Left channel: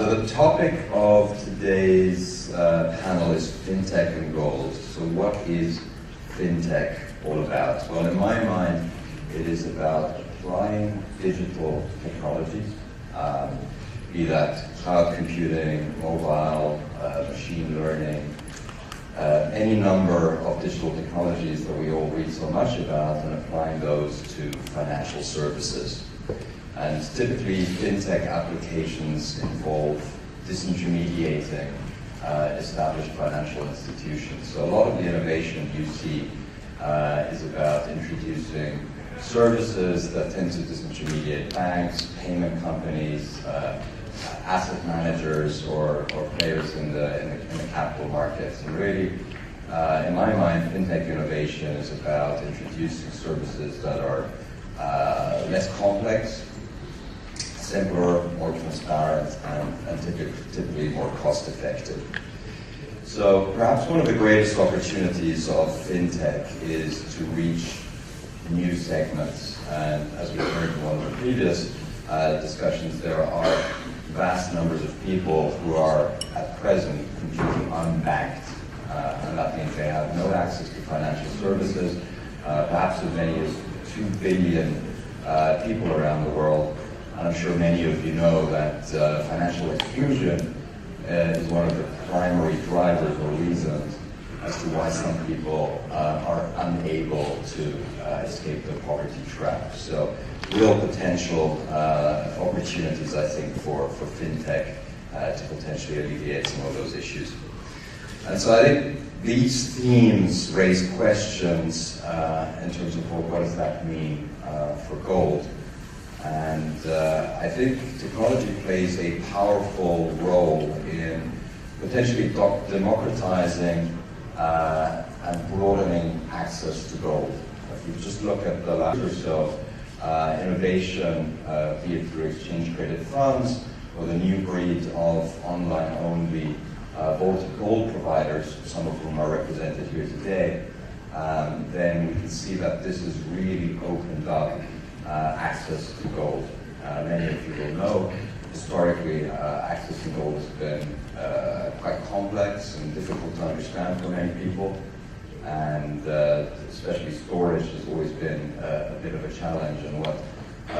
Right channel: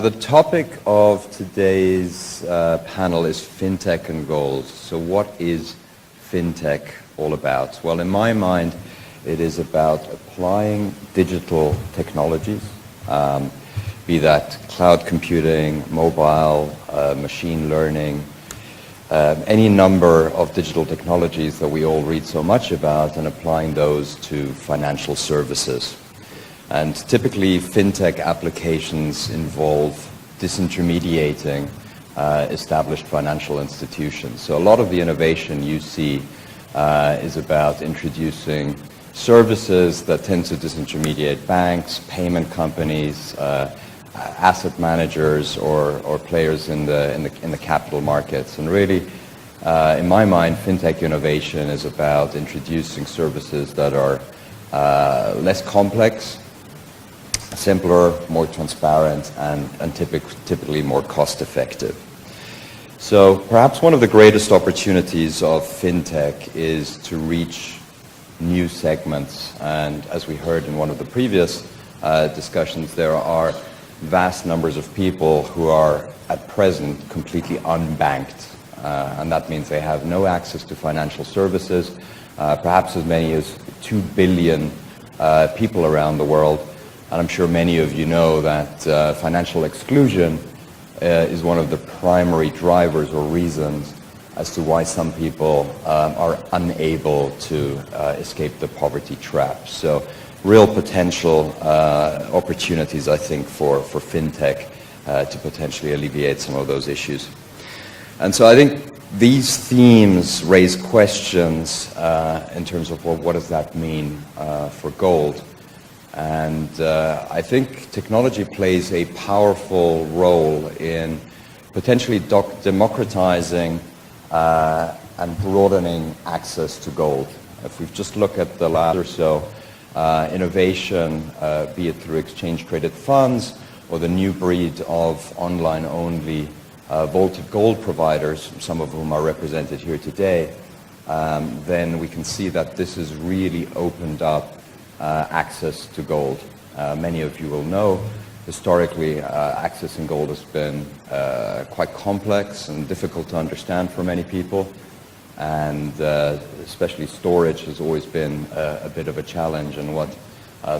So the topic of today's panel is Fintech and gold. So what is Fintech all about? Well, in my mind, it is about applying digital technologies, be that cloud computing, mobile, machine learning, any number of digital technologies that we all read so much about, and applying those to financial services. And typically, fintech applications involve disintermediating established financial institutions. So a lot of the innovation you see is about introducing services that tend to disintermediate banks, payment companies, asset managers, or players in the capital markets. And really, in my mind, fintech innovation is about introducing services that are less complex, simpler, more transparent, and typically more cost-effective. So perhaps one of the greatest opportunities of fintech is to reach new segments. And as we heard in one of the previous discussions, there are vast numbers of people who are at present completely unbanked. And that means they have no access to financial services, perhaps as many as 2 billion people around the world. And I'm sure many of you know that financial exclusion is one of the primary drivers or reasons as to why some people are unable to escape the poverty trap. So real potential opportunities, I think, for fintech to potentially alleviate some of those issues. And so I think these themes raise questions in terms of, well, what does that mean for gold? And I think technology plays a powerful role in potentially democratizing and broadening access to gold. If we just look at the last or so, innovation, be it through exchange-traded funds or the new breed of online-only gold providers, some of whom are represented here today, then we can see that this has really opened up access to gold. Many of you will know, historically, accessing gold has been quite complex and difficult to understand for many people, and especially storage has always been a bit of a challenge. And what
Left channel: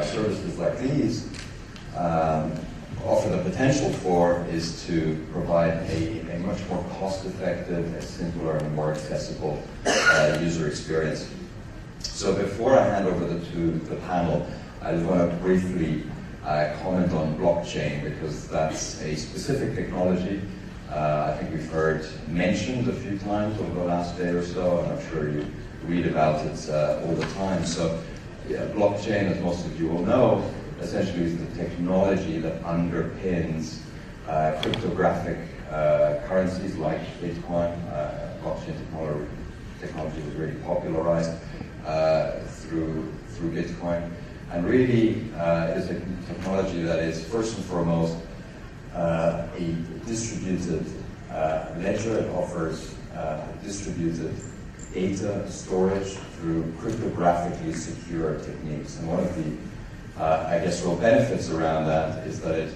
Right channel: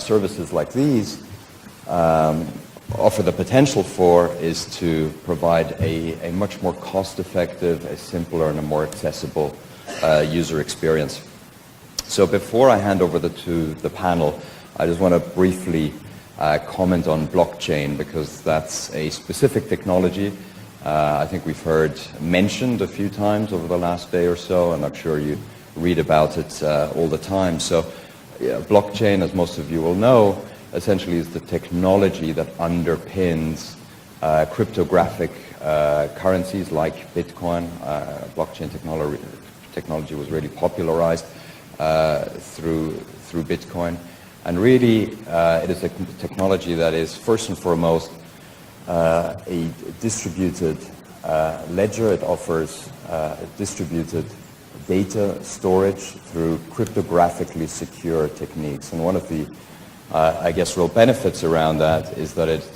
services like these offer the potential for is to provide a much more cost-effective, a simpler, and a more accessible user experience. So before I hand over to the panel, I just want to briefly comment on blockchain, because that's a specific technology I think we've heard mentioned a few times over the last day or so, and I'm sure you read about it all the time. So yeah, blockchain, as most of you will know, essentially is the technology that underpins cryptographic currencies like Bitcoin. Blockchain technology was really popularized through Bitcoin, and really it is a technology that is first and foremost a distributed ledger. It offers distributed data storage through cryptographically secure techniques, and one of the I guess real benefits around that is that it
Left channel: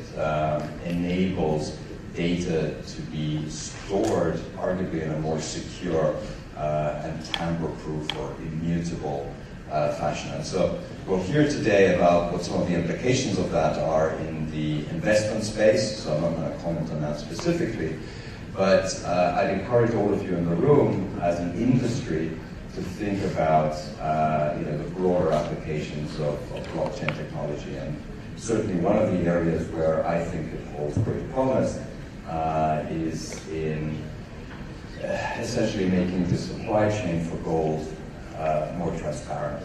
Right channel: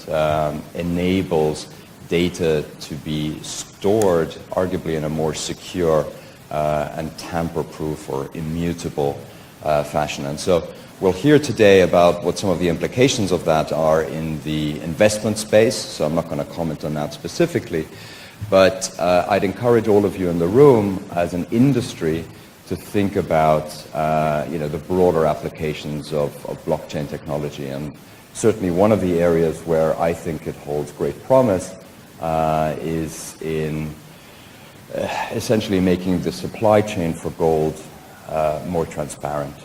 enables data to be stored arguably in a more secure and tamper-proof or immutable fashion. And so we'll hear today about what some of the implications of that are in the investment space, so I'm not going to comment on that specifically, but I'd encourage all of you in the room as an industry to think about the broader applications of blockchain technology. And certainly one of the areas where I think it holds great promise is in essentially making the supply chain for gold more transparent.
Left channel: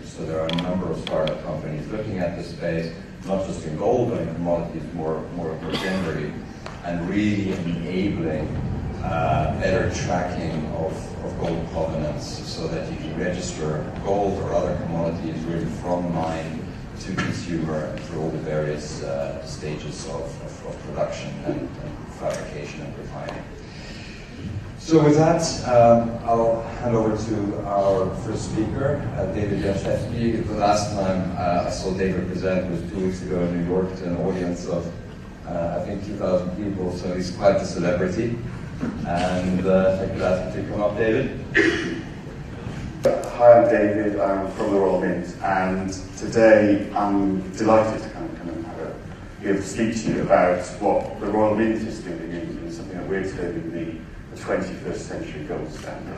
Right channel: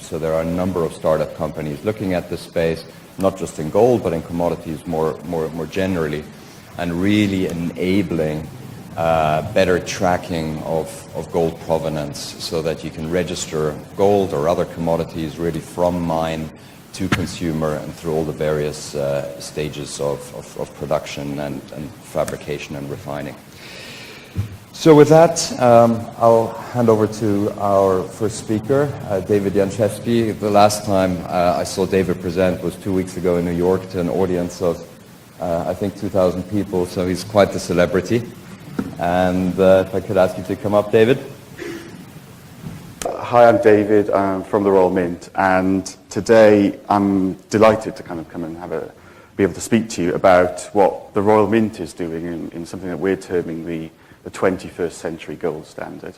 So there are a number of startup companies looking at this space, not just in gold, but in commodities more generally, and really enabling better tracking of gold provenance, so that you can register gold or other commodities really from mine to consumer and through all the various stages of production and fabrication and refining. So with that, I'll hand over to our first speaker, David Janczewski. The last time I saw David present was 2 weeks ago in New York to an audience of I think 2,000 people, so he's quite the celebrity. And if I could ask you to come up, David. Hi, I'm David. I'm from the Royal Mint, and today I'm delighted to come and be able to speak to you about what the Royal Mint is doing in something that we're terming the 21st century gold standard.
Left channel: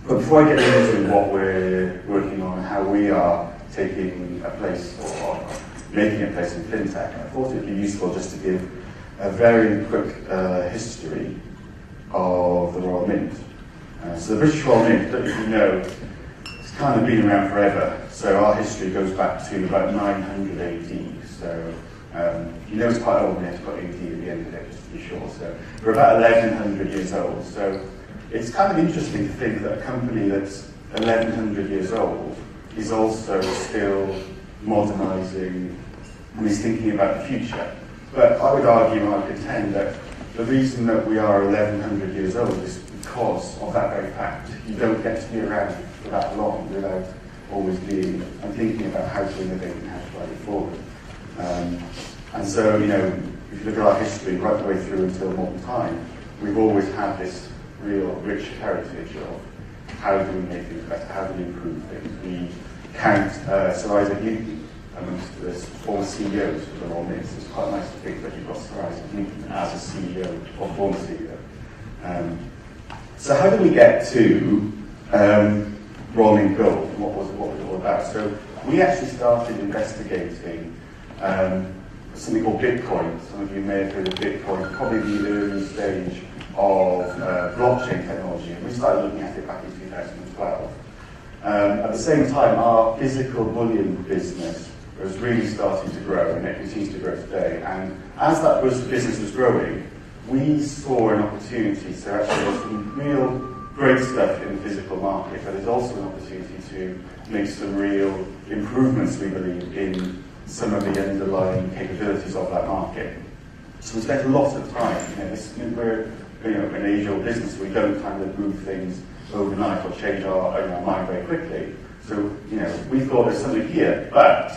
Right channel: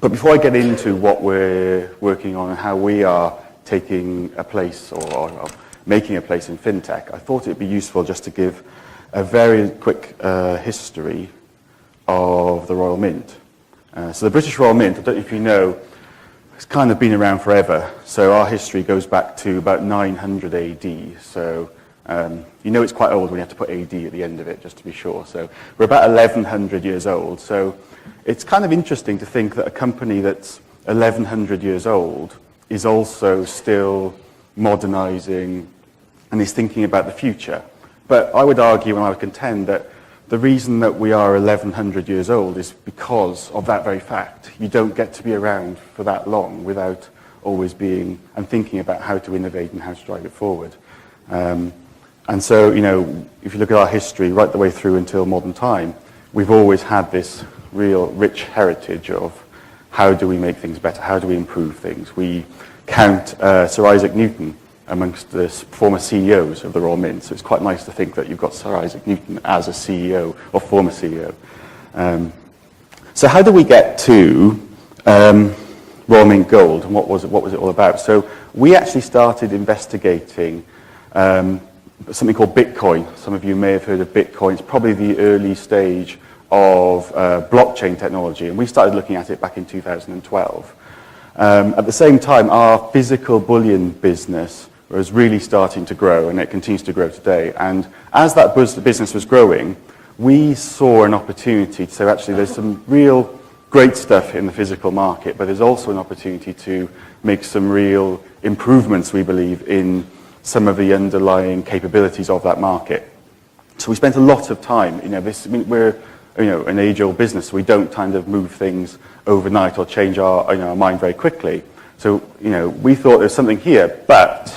But before I get into what we're working on and how we are taking a place or making a place in fintech, I thought it'd be useful just to give a very quick history of the Royal Mint. So the British Royal Mint, I don't know if you know, it's kind of been around forever. So our history goes back to about 900 AD. So you know it's quite old when you have to put AD at the end of it, just to be sure. So we're about 1,100 years old. So it's kind of interesting to think that a company that's 1,100 years old is also still modernising and is thinking about the future. But I would argue and I would contend that the reason that we are 1,100 years old is because of that very fact. You don't get to be around for that long without always being and thinking about how to innovate and how to drive it forward. And so, you know, if you look at our history right the way through until modern time, we've always had this real rich heritage of how do we make things better, how do we improve things. We count Sir Isaac Newton amongst the former CEOs of the Royal Mint. So it's quite nice to think that you've got Sir Isaac Newton as a CEO or former CEO. So how did we get to Royal Mint Gold, and what was it all about? So we actually started investigating something called Bitcoin. Some of you may have heard of Bitcoin. It's probably the early stage of blockchain technology, and we started looking at it back in 2012. At the same time, our physical bullion business was really starting to grow, and it continues to grow today. And as that business was growing, we saw an opportunity to say, actually, there's some real great stuff in the physical market, but there's also an opportunity to make some real improvements, we believe, in some of the underlying capabilities of that market. So we spent a lot of time, we're an age-old business. We don't kind of move things overnight or change our mind very quickly. So, we thought there's something here, but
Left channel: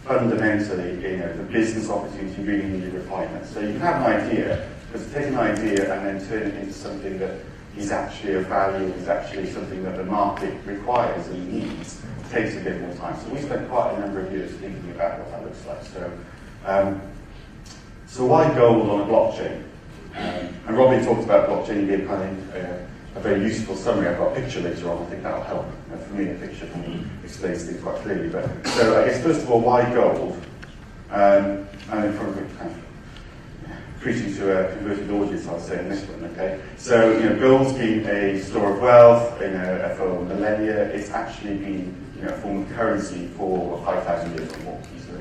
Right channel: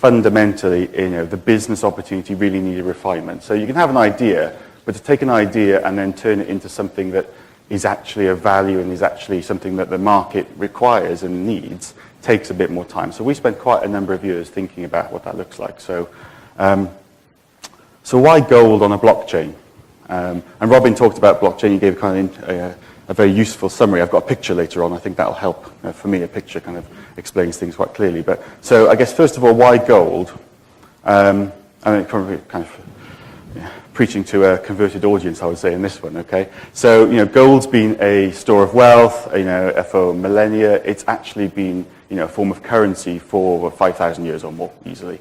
fundamentally, the business opportunity really needed refinement. So you can have an idea, but to take an idea and then turn it into something that is actually of value and is actually something that the market requires and needs takes a bit more time. So we spent quite a number of years thinking about what that looks like. So, so why gold on a blockchain? And Robin talked about blockchain. He gave kind of a very useful summary. I've got a picture later on. I think that'll help. For me, a picture kind of explains things quite clearly. But so I guess first of all, why gold? I mean, probably kind of preaching to a converted audience, I would say, in this one. Okay. So gold's been a store of wealth. For millennia, it's actually been a form of currency for 5,000 years or more easily.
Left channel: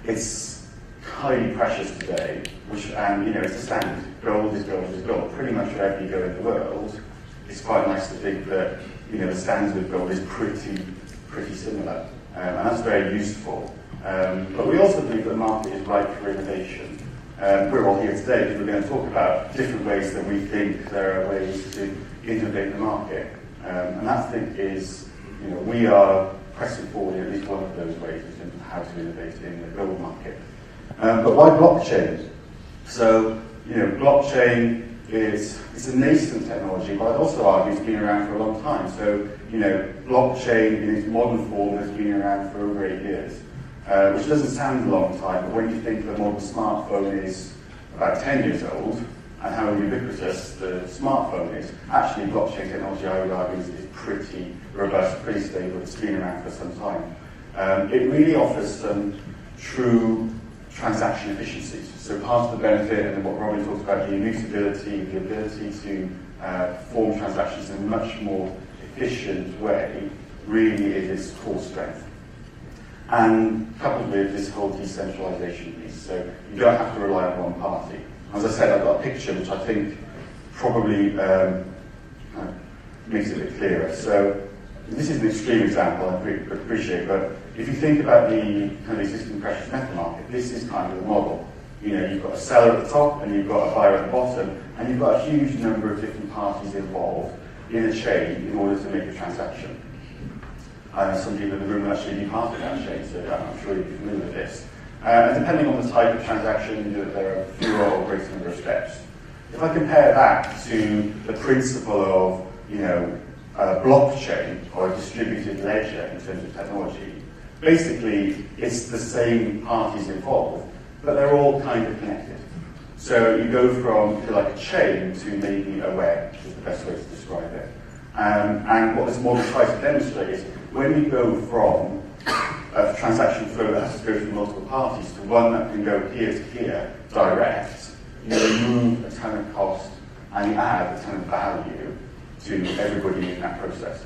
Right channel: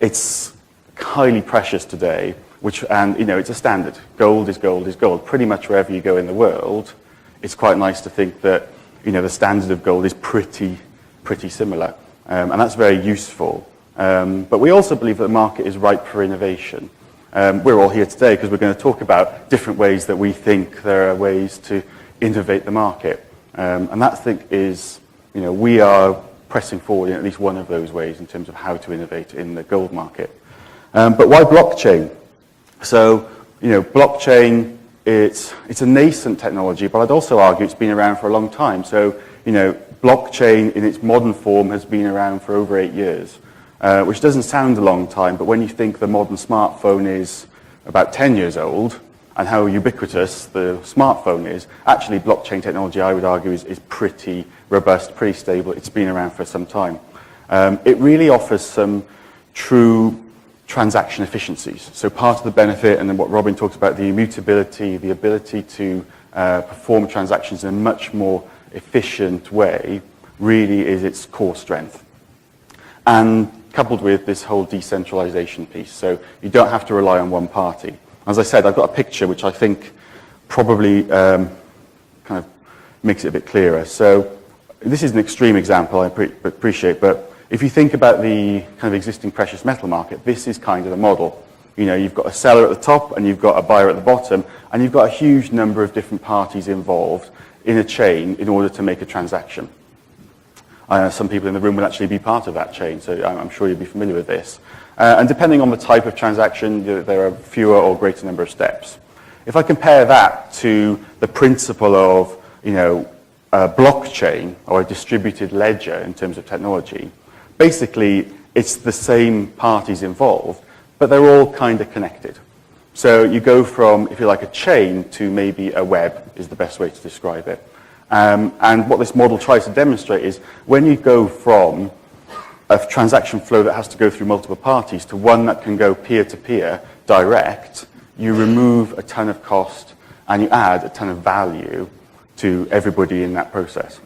It's highly precious today, and it's a standard. Gold is gold is gold. Pretty much wherever you go in the world, it's quite nice to think that the standard of gold is pretty similar, and that's very useful. But we also believe that the market is ripe for innovation. We're all here today because we're going to talk about different ways that we think there are ways to innovate the market, and that thing is we are pressing forward in at least one of those ways in terms of how to innovate in the gold market. But why blockchain? So, blockchain, it's a nascent technology, but I'd also argue it's been around for a long time. So, blockchain in its modern form has been around for over 8 years, which doesn't sound a long time, but when you think the modern smartphone is about 10 years old and how ubiquitous the smartphone is, actually blockchain technology, I would argue, is pretty robust, pretty stable. It's been around for some time. It really offers some true transaction efficiencies. So part of the benefit, and then what Robin talks about, the immutability, the ability to perform transactions in a much more efficient way, really is its core strength. And coupled with this whole decentralization piece. So you don't have to rely on one party. As I said, I've got a picture which I think probably kind of makes it a bit clearer. So this is an extreme example, I appreciate, but if you think about the kind of existing precious metal market, this is kind of the model. You've got a seller at the top and you've got a buyer at the bottom, and you've got a huge number of different parties involved in a chain in order to make a transaction. Some people in the room will actually be part of that chain, so I'm sure you'll be familiar with this. And depending on the type of transaction, there are fewer or greater number of steps. If I compare that to the principle of, a blockchain or a distributed ledger in terms of technology, basically it's the same parties involved, but they're all kind of connected. So you go from, if you like, a chain to maybe a web is the best way to describe it. And what this model tries to demonstrate is when you go from a transaction flow that has to go through multiple parties to one that can go peer-to-peer direct, you remove a ton of cost and you add a ton of value to everybody in that process.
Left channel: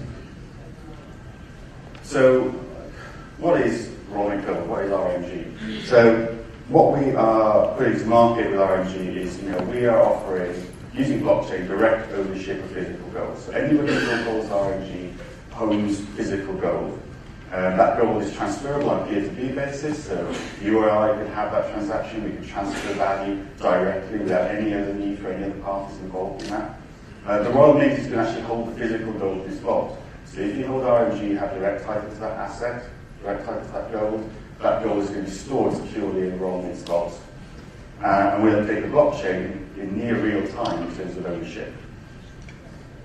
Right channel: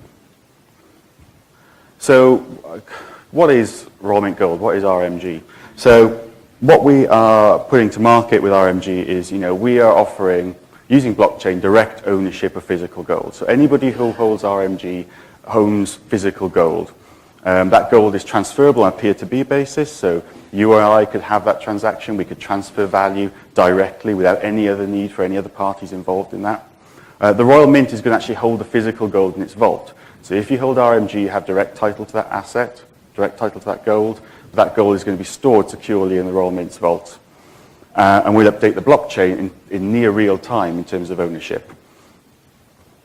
So what is Royal Mint Gold? What is RMG? So what we are putting to market with RMG is, we are offering, using blockchain, direct ownership of physical gold. So anybody who holds RMG owns physical gold. That gold is transferable on a peer-to-peer basis, so you or I could have that transaction, we could transfer value directly without any other need for any other parties involved in that. The Royal Mint is going to actually hold the physical gold in its vault. So if you hold RMG, you have direct title to that asset, direct title to that gold. That gold is going to be stored securely in the Royal Mint's vault. And we'll update the blockchain in near real time in terms of ownership.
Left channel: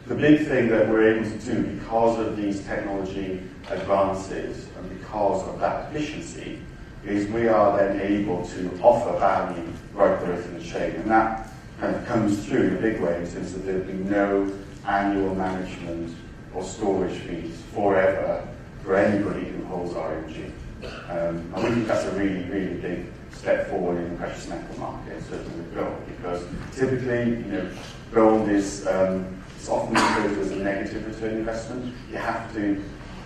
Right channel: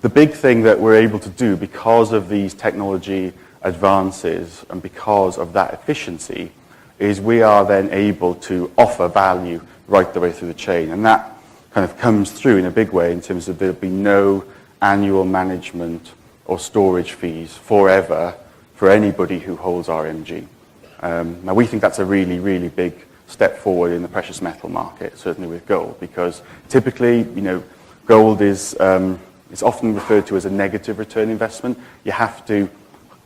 The big thing that we're able to do because of these technology advances and because of that efficiency is we are then able to offer value right the way through the chain. And that kind of comes through in a big way in terms of there'll be no annual management or storage fees forever for anybody who holds RMG. Now we think that's a really, really big step forward in the precious metal market, certainly with gold, because typically, gold is it's often referred to as a negative return investment. You have to,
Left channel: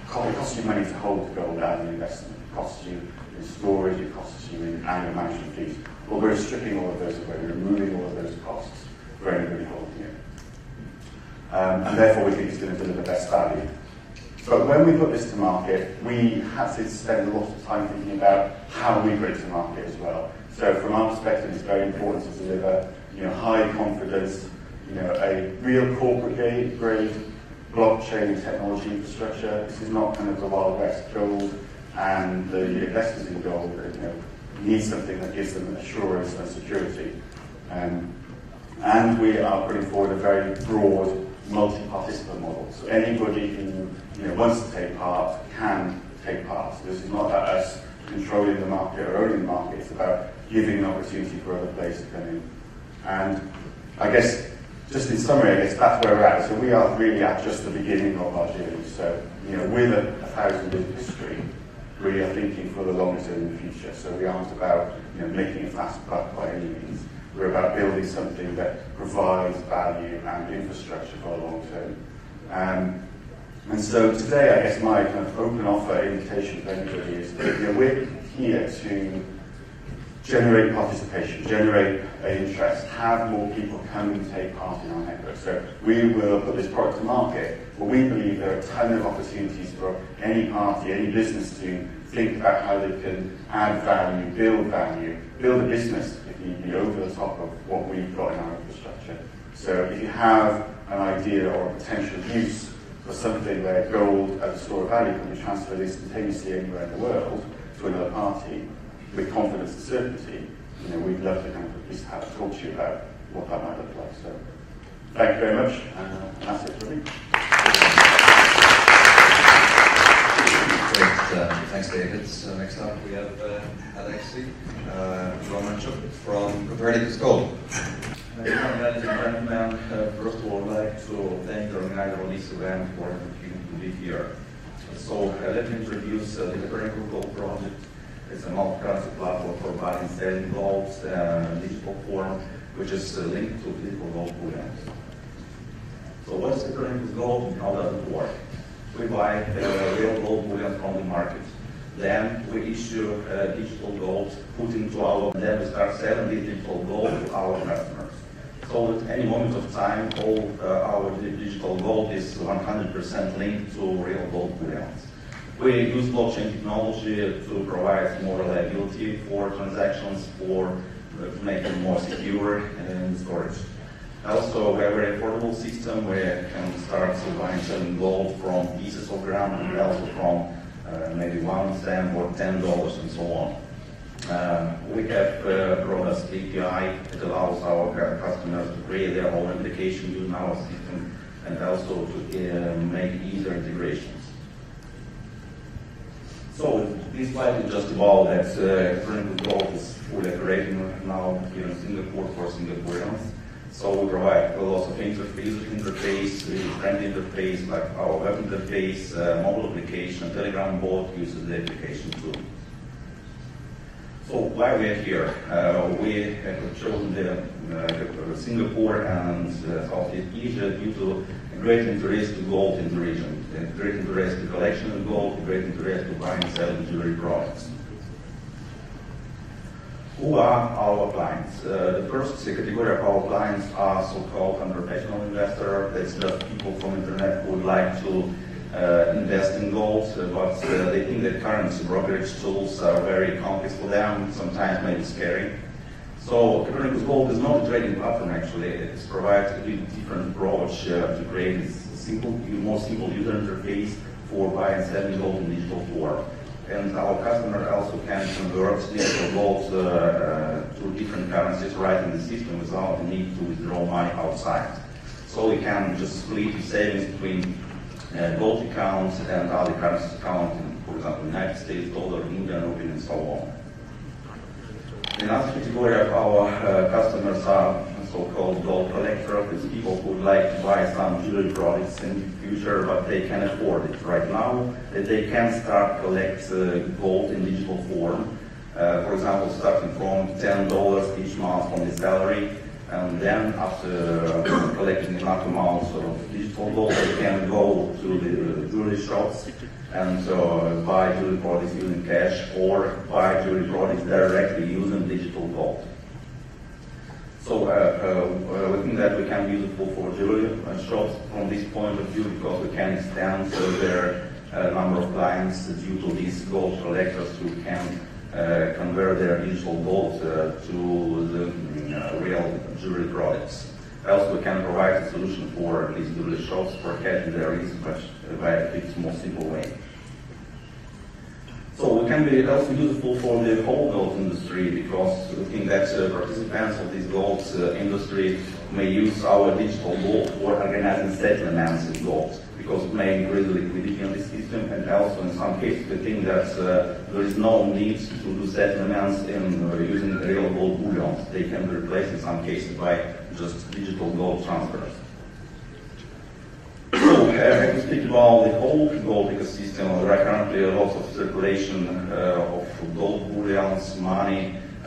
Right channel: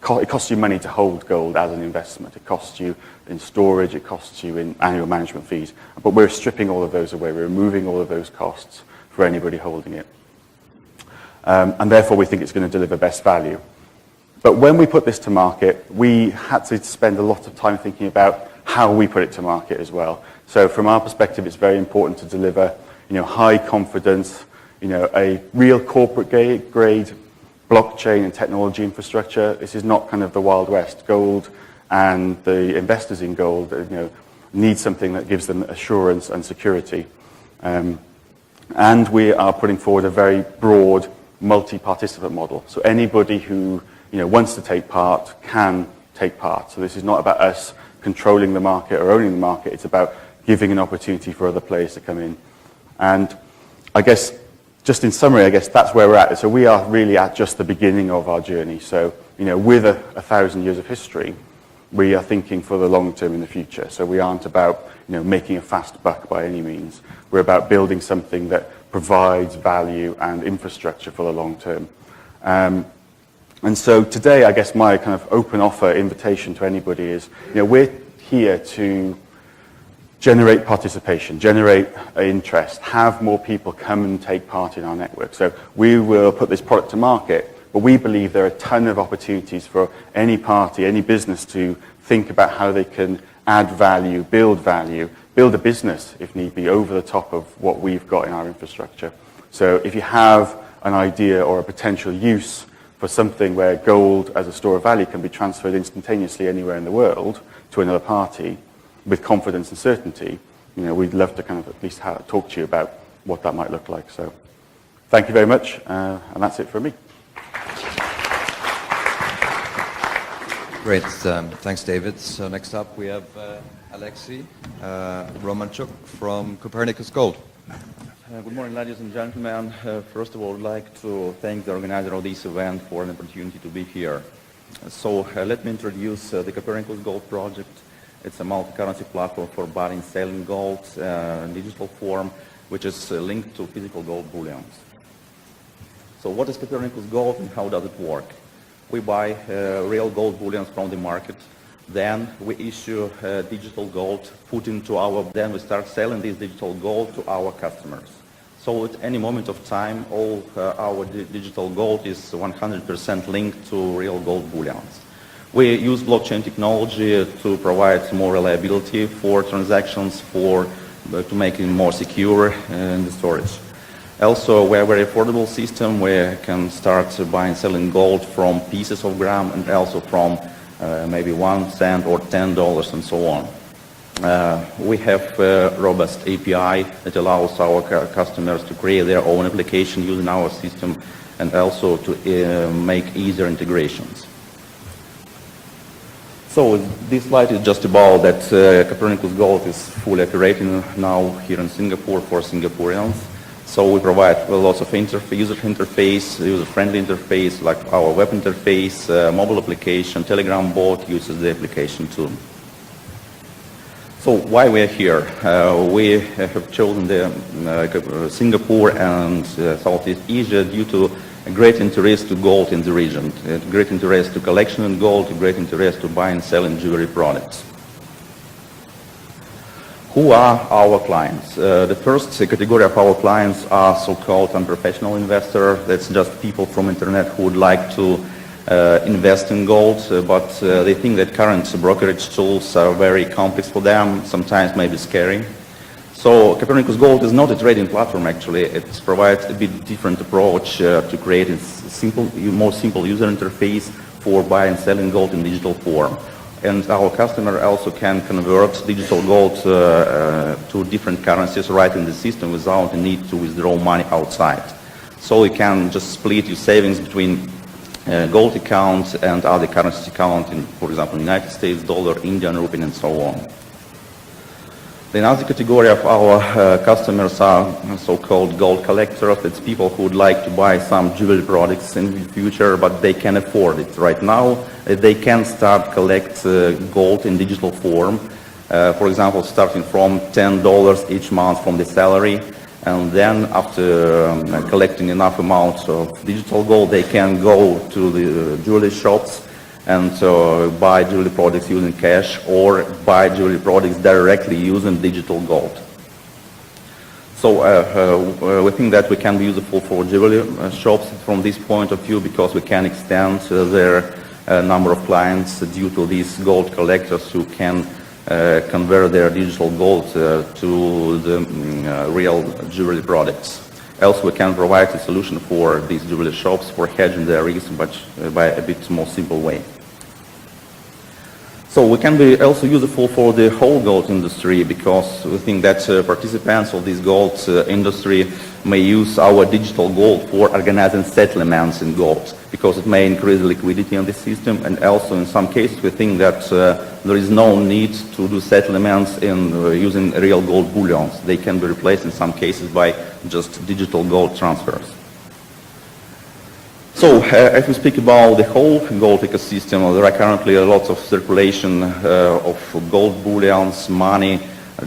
it costs you money to hold gold as an investment. It costs you in storage, it costs you in annual management fees. But we're stripping all of those away. We're removing all of those costs for anybody holding it. And therefore we think it's going to deliver best value. But when we put this to market, we had to spend a lot of time thinking about how we put it to market as well. So from our perspective, it's very important to deliver, high confidence, a real corporate grade blockchain and technology infrastructure. This is not kind of the Wild West. Gold and the investors in gold, need something that gives them assurance and security. And we are putting forward a very broad multi-participant model. So anybody who wants to take part can take part. So this is not about us controlling the market or owning the market. It's about giving an opportunity for other players to come in. And I guess, just in summary, that's where we're at. So we are really at just the beginning of our journey. So, with 1,000 years of history, we are thinking for the long term in the future. So we aren't about, making a fast buck by any means. We're about building something that provides value and infrastructure for the long term. And so today, I guess my kind of open offer invitation to anybody is, we're here to generate participation, generate interest, have more people come and take part in our network. So we will put this product to market, but we believe there are a ton of opportunities for any party, any business to think about how they can add value, build a business, if need be, over the top of what we've got in our infrastructure. So if you have an idea or a potential use for something where gold as a store of value can be transferred instantaneously anywhere in the world to another party with confidence and certainty, we'd love to kind of at least talk to you about what that might look like. So thank you very much, and that's it from me. Great, thanks David. So next up we have Alexei Romanchuk from Copernicus Gold. Ladies and gentlemen, first of all, I'd like to thank the organizer of this event for an opportunity to be here. So let me introduce the Copernicus Gold project. It's a multi-currency platform for buying and selling gold in digital form, which is linked to physical gold bullions. So what is Copernicus Gold and how does it work? We buy real gold bullion from the market. Then we issue digital gold, then we start selling this digital gold to our customers. So at any moment of time, all our digital gold is 100% linked to real gold bullions. We use blockchain technology to provide more reliability for transactions, to make it more secure in the storage. Also, we have a very affordable system where you can start buying and selling gold from pieces of gram and also from maybe 1 cent or $10 and so on. We have a robust API that allows our customers to create their own application using our system and also to make easier integrations. So this slide is just about that Copernicus Gold is fully operating now here in Singapore for Singaporeans. So we provide lots of user interface, user-friendly interface like our web interface, mobile application, Telegram bot uses the application too. So why we're here? We have chosen Singapore and Southeast Asia due to a great interest to gold in the region, great interest to collection in gold, great interest to buy and sell in jewelry products. Who are our clients? The first category of our clients are so-called unprofessional investors. That's just people from internet who would like to invest in gold, but they think that current brokerage tools are very complex for them, sometimes maybe scary. So Copernicus Gold is not a trading platform actually. It provides a bit different approach to create a more simple user interface for buying and selling gold in digital form. And our customer also can convert digital gold to different currencies right in the system without the need to withdraw money outside. So you can just split your savings between gold accounts and other currency accounts in, for example, United States dollar, Indian rupee, and so on. Another category of our customers are so-called gold collectors. It's people who would like to buy some jewelry products in the future, but they can't afford it right now. They can start collect gold in digital form. For example, starting from $10 each month from the salary, and then after collecting enough amount of digital gold, they can go to the jewelry shops and buy jewelry products using cash or buy jewelry products directly using digital gold. So we think that we can be useful for jewelry shops from this point of view because we can extend their number of clients due to these gold collectors who can convert their digital gold to the real jewelry products. Also, we can provide a solution for these jewelry shops for hedging their risk, but by a bit more simple way. So we can be also useful for the whole gold industry because we think that participants of this gold industry may use our digital gold for organizing settlements in gold because it may increase liquidity in the system, and also in some cases we think that there is no need to do settlements in using real gold bullions. They can be replaced in some cases by just digital gold transfers. So, if we speak about the whole gold ecosystem, there are currently lots of circulation of gold bullions, money,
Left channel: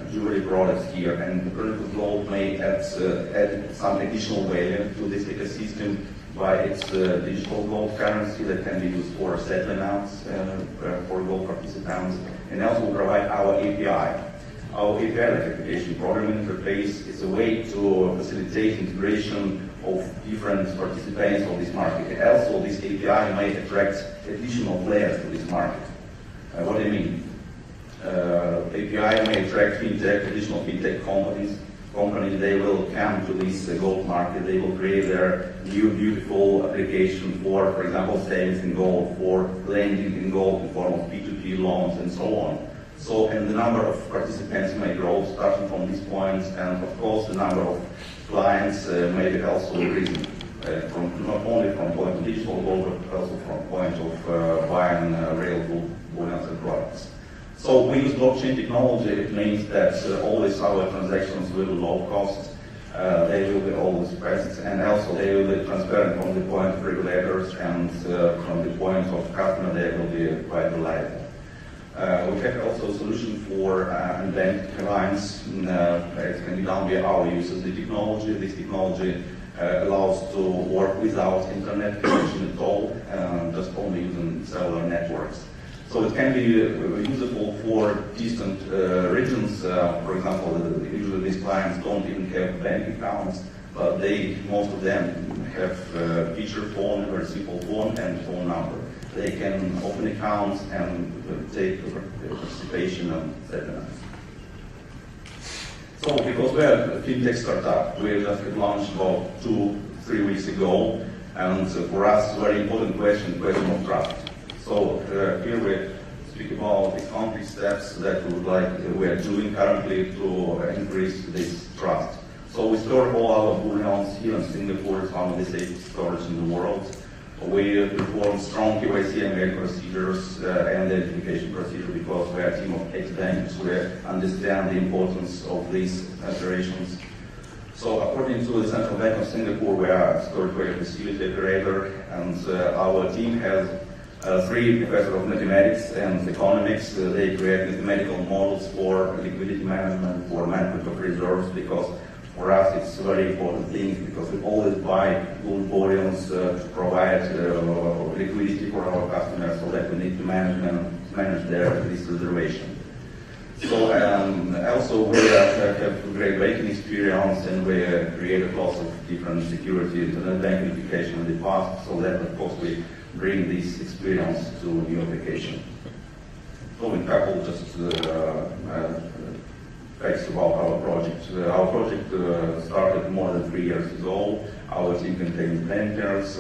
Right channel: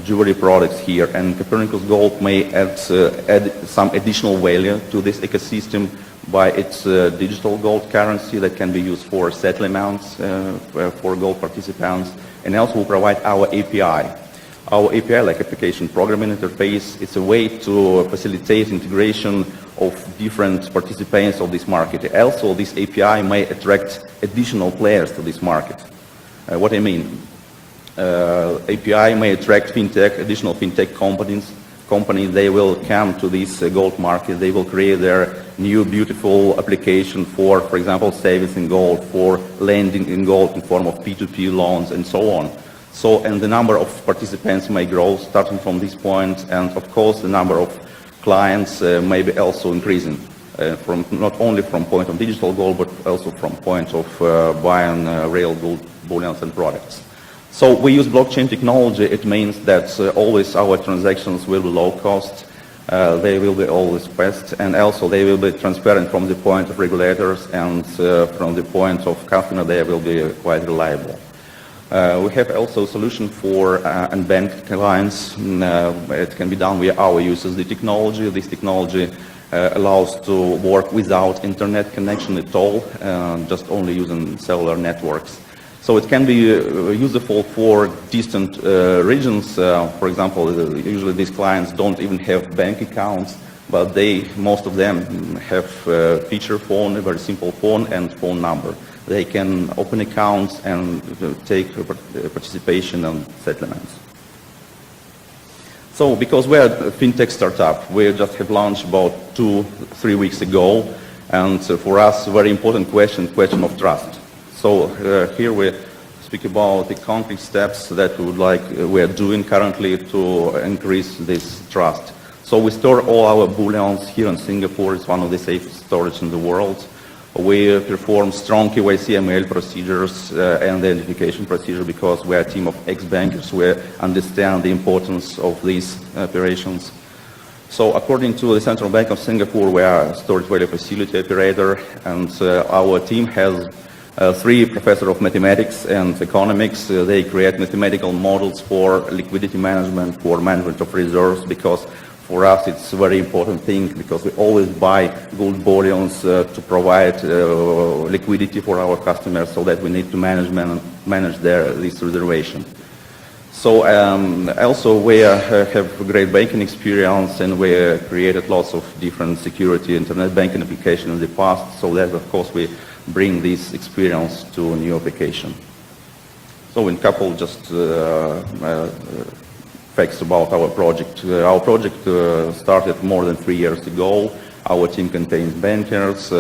jewelry products here, and Copernicus Gold may add some additional value to this ecosystem by its digital gold currency that can be used for settlements for gold participants, and also we provide our API. Our API, like application programming interface, is a way to facilitate integration of different participants of this market. Also, this API may attract additional players to this market. What I mean? API may attract additional fintech companies. They will come to this gold market. They will create their new beautiful application for example, savings in gold, for lending in gold in form of P2P loans, and so on. So, and the number of participants may grow starting from this point, and of course the number of clients may be also increasing, from not only from point of digital gold, but also from point of buying real gold bullions and products. So we use blockchain technology. It means that always our transactions will be low cost, they will be always fast, and also they will be transparent from the point of regulators, and from the point of customer they will be quite reliable. We have also a solution for unbanked clients. It can be done via our USSD technology. This technology allows to work without internet connection at all, just only using cellular networks. So it can be useful for distant regions. For example, usually these clients don't even have bank accounts, but most of them have a feature phone, a very simple phone and phone number. They can open accounts and take participation in settlements. So, because we're a fintech startup, we just have launched about 2-3 weeks ago, and for us, a very important question of trust. So here we speak about the concrete steps that we are doing currently to increase this trust. So we store all our bullions here in Singapore. It's one of the safest storage in the world. We perform strong KYC ML procedures and the identification procedure because we're a team of ex-bankers. We understand the importance of these operations. So according to the Central Bank of Singapore, we are a storage value facility operator, and our team has 3 professors of mathematics and economics. They create mathematical models for liquidity management, for management of reserves, because for us it's a very important thing, because we always buy gold bullions to provide liquidity for our customers, so that we need to manage this reservation. So also we have great banking experience, and we created lots of different security internet banking applications in the past, so that of course we bring this experience to a new application. So in couple just facts about our project. Our project started more than 3 years ago. Our team contains bankers,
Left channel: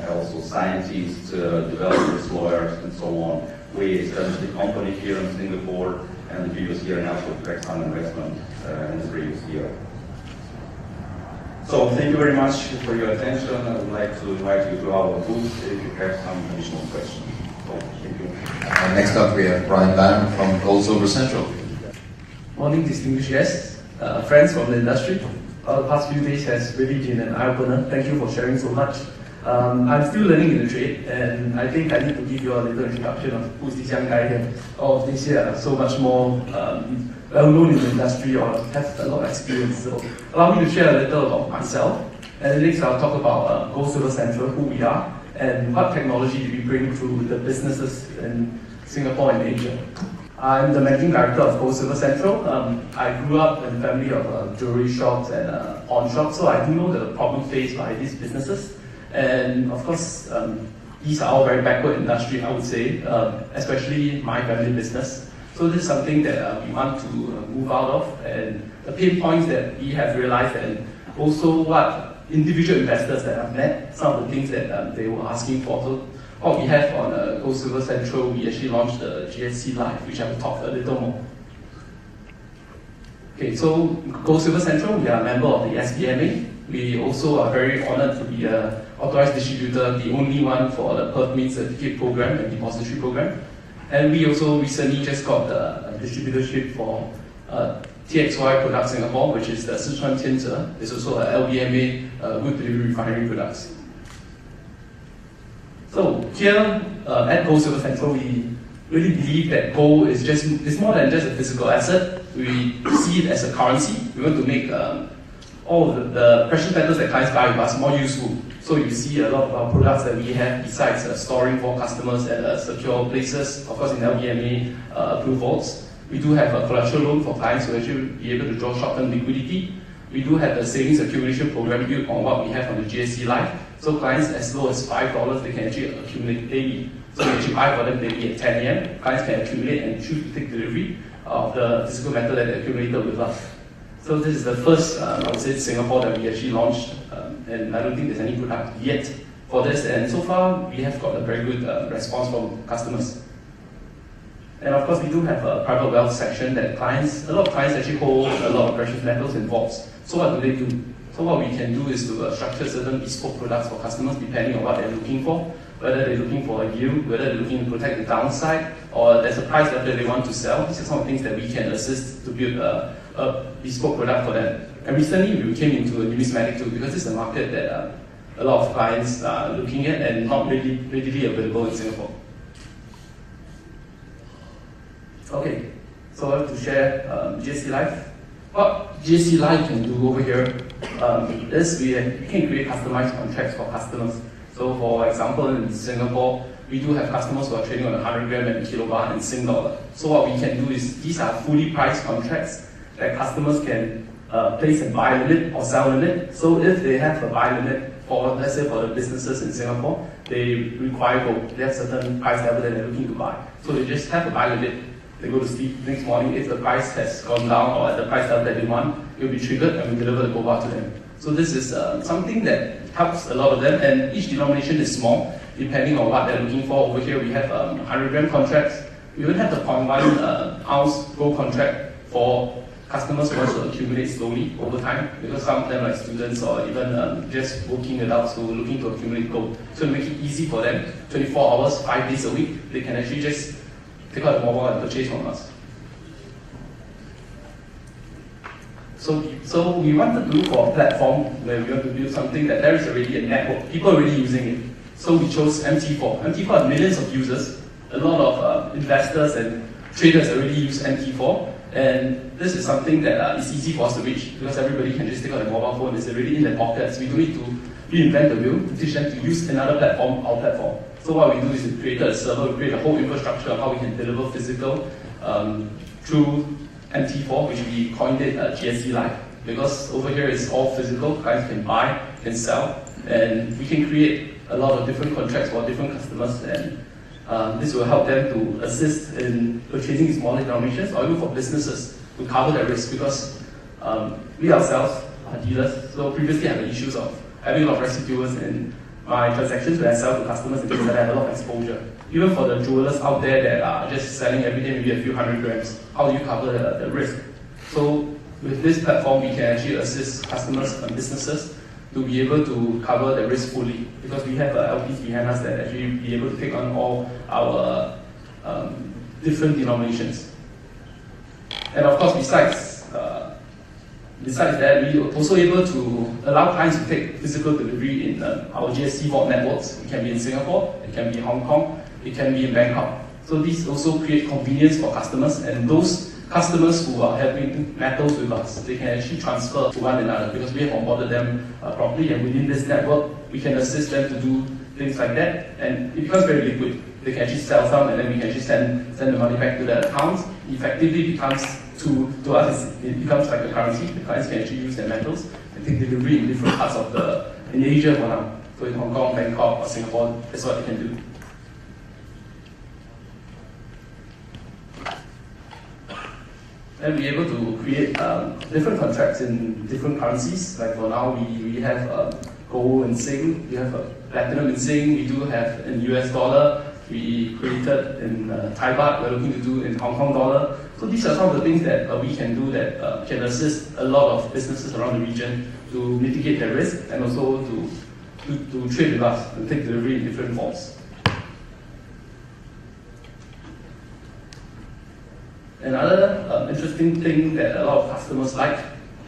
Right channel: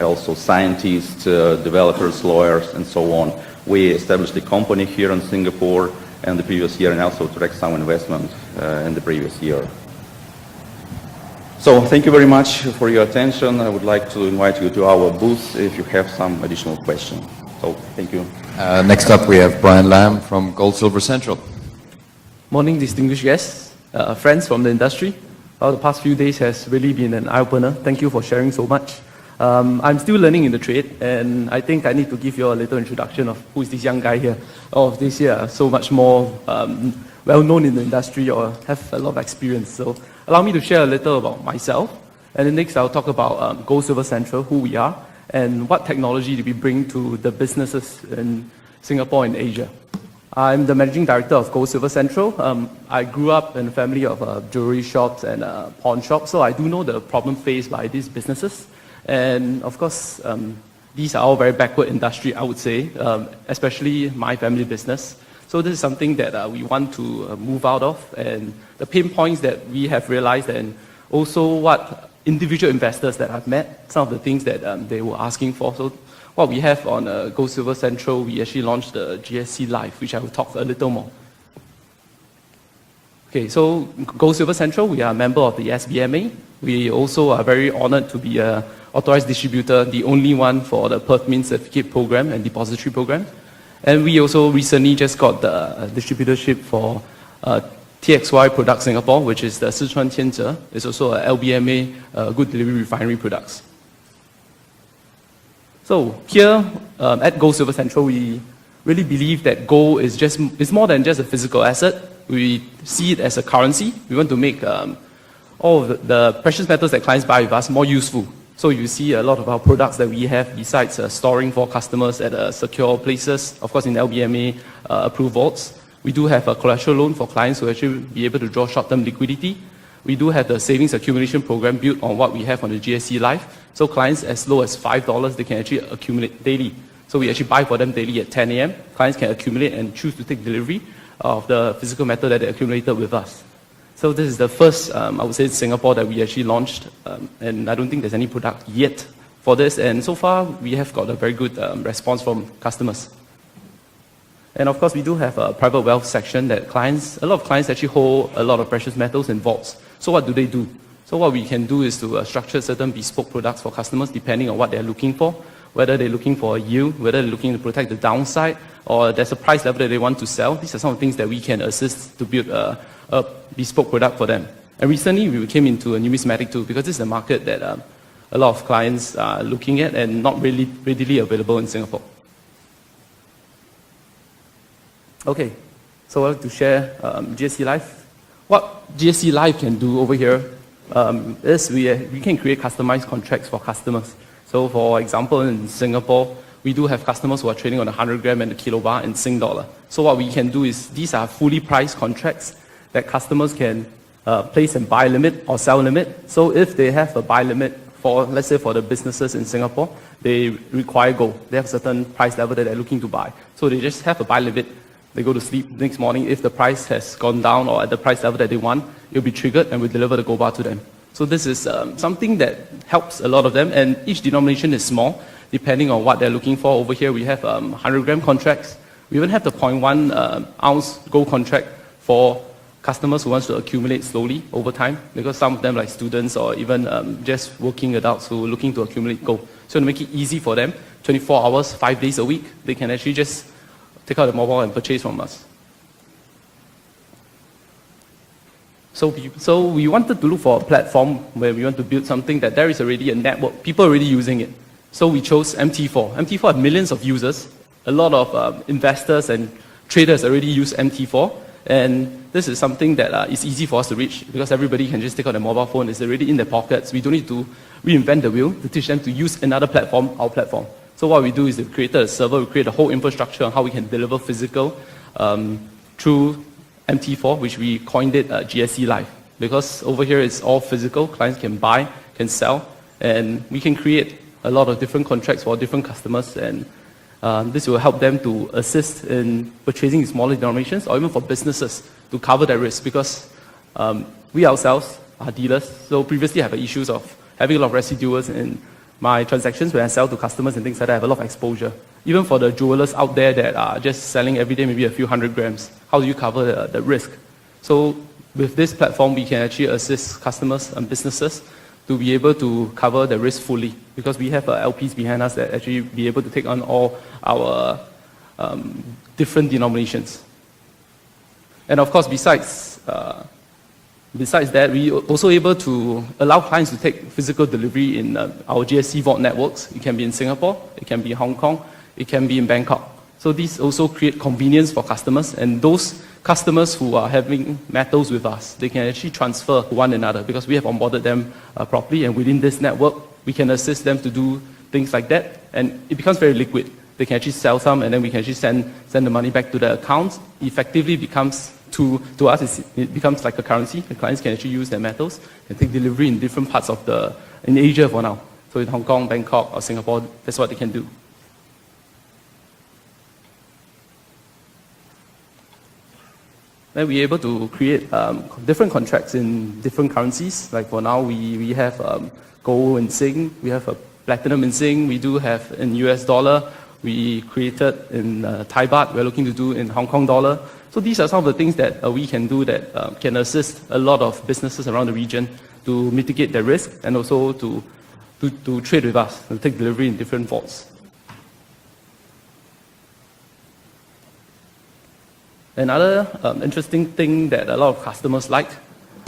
also scientists, developers, lawyers, and so on. We established a company here in Singapore in the previous year, and also attract some investment in the previous year. So thank you very much for your attention. I would like to invite you to our booth if you have some additional questions. So thank you. Next up we have Brian Lam from Gold Silver Central. Morning, distinguished guests, friends from the industry. The past few days has really been an eye-opener. Thank you for sharing so much. I'm still learning in the trade, and I think I need to give you a little introduction of who is this young guy here. Oh, this year, so much more well-known in the industry or have a lot of experience. So allow me to share a little about myself, and then next I'll talk about Gold Silver Central, who we are, and what technology do we bring to the businesses in Singapore and Asia. I'm the managing director of Gold Silver Central. I grew up in a family of jewelry shops and pawn shops, so I do know the problem faced by these businesses. And of course, these are all very backward industry, I would say, especially my family business. So this is something that we want to move out of, and the pain points that we have realized, and also what individual investors that I've met, some of the things that they were asking for. So what we have on Gold Silver Central, we actually launched the GSC Live, which I will talk a little more. Okay, so Gold Silver Central, we are a member of the APPMC. We also are very honored to be an authorized distributor, the only one for the Perth Mint Certificate Program and Depository Program. And we also recently just got the distributorship for TXY Product Singapore, which is the Sichuan Tianze. It's also a LBMA Good Delivery Refinery Products. So here at Gold Silver Central, we really believe that gold is more than just a physical asset. We see it as a currency. We want to make all the precious metals that clients buy with us more useful. So you see a lot of our products that we have, besides storing for customers at secure places, of course in LBMA approved vaults. We do have a collateral loan for clients to actually be able to draw short-term liquidity. We do have the savings accumulation program built on what we have on the GSC Live. So clients as low as $5, they can actually accumulate daily. So we actually buy for them daily at 10 a.m. Clients can accumulate and choose to take delivery of the physical metal that they accumulated with us. So this is the first, I would say, Singapore that we actually launched, and I don't think there's any product yet for this. And so far, we have got a very good response from customers. And of course, we do have a private wealth section that a lot of clients actually hold a lot of precious metals in vaults. So what do they do? So what we can do is to structure certain bespoke products for customers depending on what they're looking for, whether they're looking for a yield, whether they're looking to protect the downside, or there's a price level that they want to sell. These are some of the things that we can assist to build a bespoke product for them. And recently, we came into a numismatic too, because this is a market that a lot of clients are looking at and not really readily available in Singapore. Okay, so I want to share GSC Live. What GSC Live can do over here is we can create customized contracts for customers. So for example, in Singapore, we do have customers who are trading on 100 gram and a kilobar in Sing dollar. So what we can do is these are fully priced contracts that customers can place a buy limit or sell limit. So if they have a buy limit for, let's say for the businesses in Singapore, they require gold. They have a certain price level that they're looking to buy. So they just have a buy limit. They go to sleep next morning. If the price has gone down or at the price level that they want, it'll be triggered and we deliver the gold bar to them. So this is something that helps a lot of them, and each denomination is small. depending on what they're looking for. Over here we have 100-gram contracts. We even have the 0.1 ounce gold contract for customers who want to accumulate slowly over time, because some of them, like students or even just working adults who are looking to accumulate gold. So to make it easy for them, 24 hours, 5 days a week, they can actually just take out the mobile and purchase from us. So we wanted to look for a platform where we want to build something that there is already a network, people are already using it. So we chose MT4. MT4 have millions of users. A lot of investors and traders already use MT4. And this is something that is easy for us to reach, because everybody can just take out their mobile phone. It's already in their pockets. We don't need to reinvent the wheel to teach them to use another platform, our platform. So what we do is we create a server, we create a whole infrastructure on how we can deliver physical through MT4, which we coined it GSC Live. Because over here it's all physical, clients can buy, can sell, and we can create a lot of different contracts for different customers, and this will help them to assist in purchasing in smaller denominations, or even for businesses to cover their risk, because we ourselves are dealers. So previously I had the issues of having a lot of residuals in my transactions when I sell to customers and things like that. I have a lot of exposure. Even for the jewelers out there that are just selling every day maybe a few 100 grams, how do you cover the risk? So with this platform, we can actually assist customers and businesses to be able to cover the risk fully, because we have LPs behind us that actually be able to take on all our different denominations. And of course, besides that, we are also able to allow clients to take physical delivery in our GSC vault networks. It can be in Singapore, it can be Hong Kong, it can be in Bangkok. So these also create convenience for customers, and those customers who are having metals with us, they can actually transfer to one another, because we have onboarded them properly, and within this network, we can assist them to do things like that, and it becomes very liquid. They can actually sell some, and then we can actually send the money back to the account. Effectively becomes, to us, it becomes like a currency. The clients can actually use their metals and take delivery in different parts of in Asia for now. So in Hong Kong, Bangkok, or Singapore, that's what they can do. Then we're able to create different contracts in different currencies. Like for now, we have gold in Sing, we have platinum in Sing, we do have in US dollar, we created in Thai baht, we're looking to do in Hong Kong dollar. So these are some of the things that we can do that can assist a lot of businesses around the region to mitigate their risk, and also to trade with us and take delivery in different vaults. Another interesting thing that a lot of customers like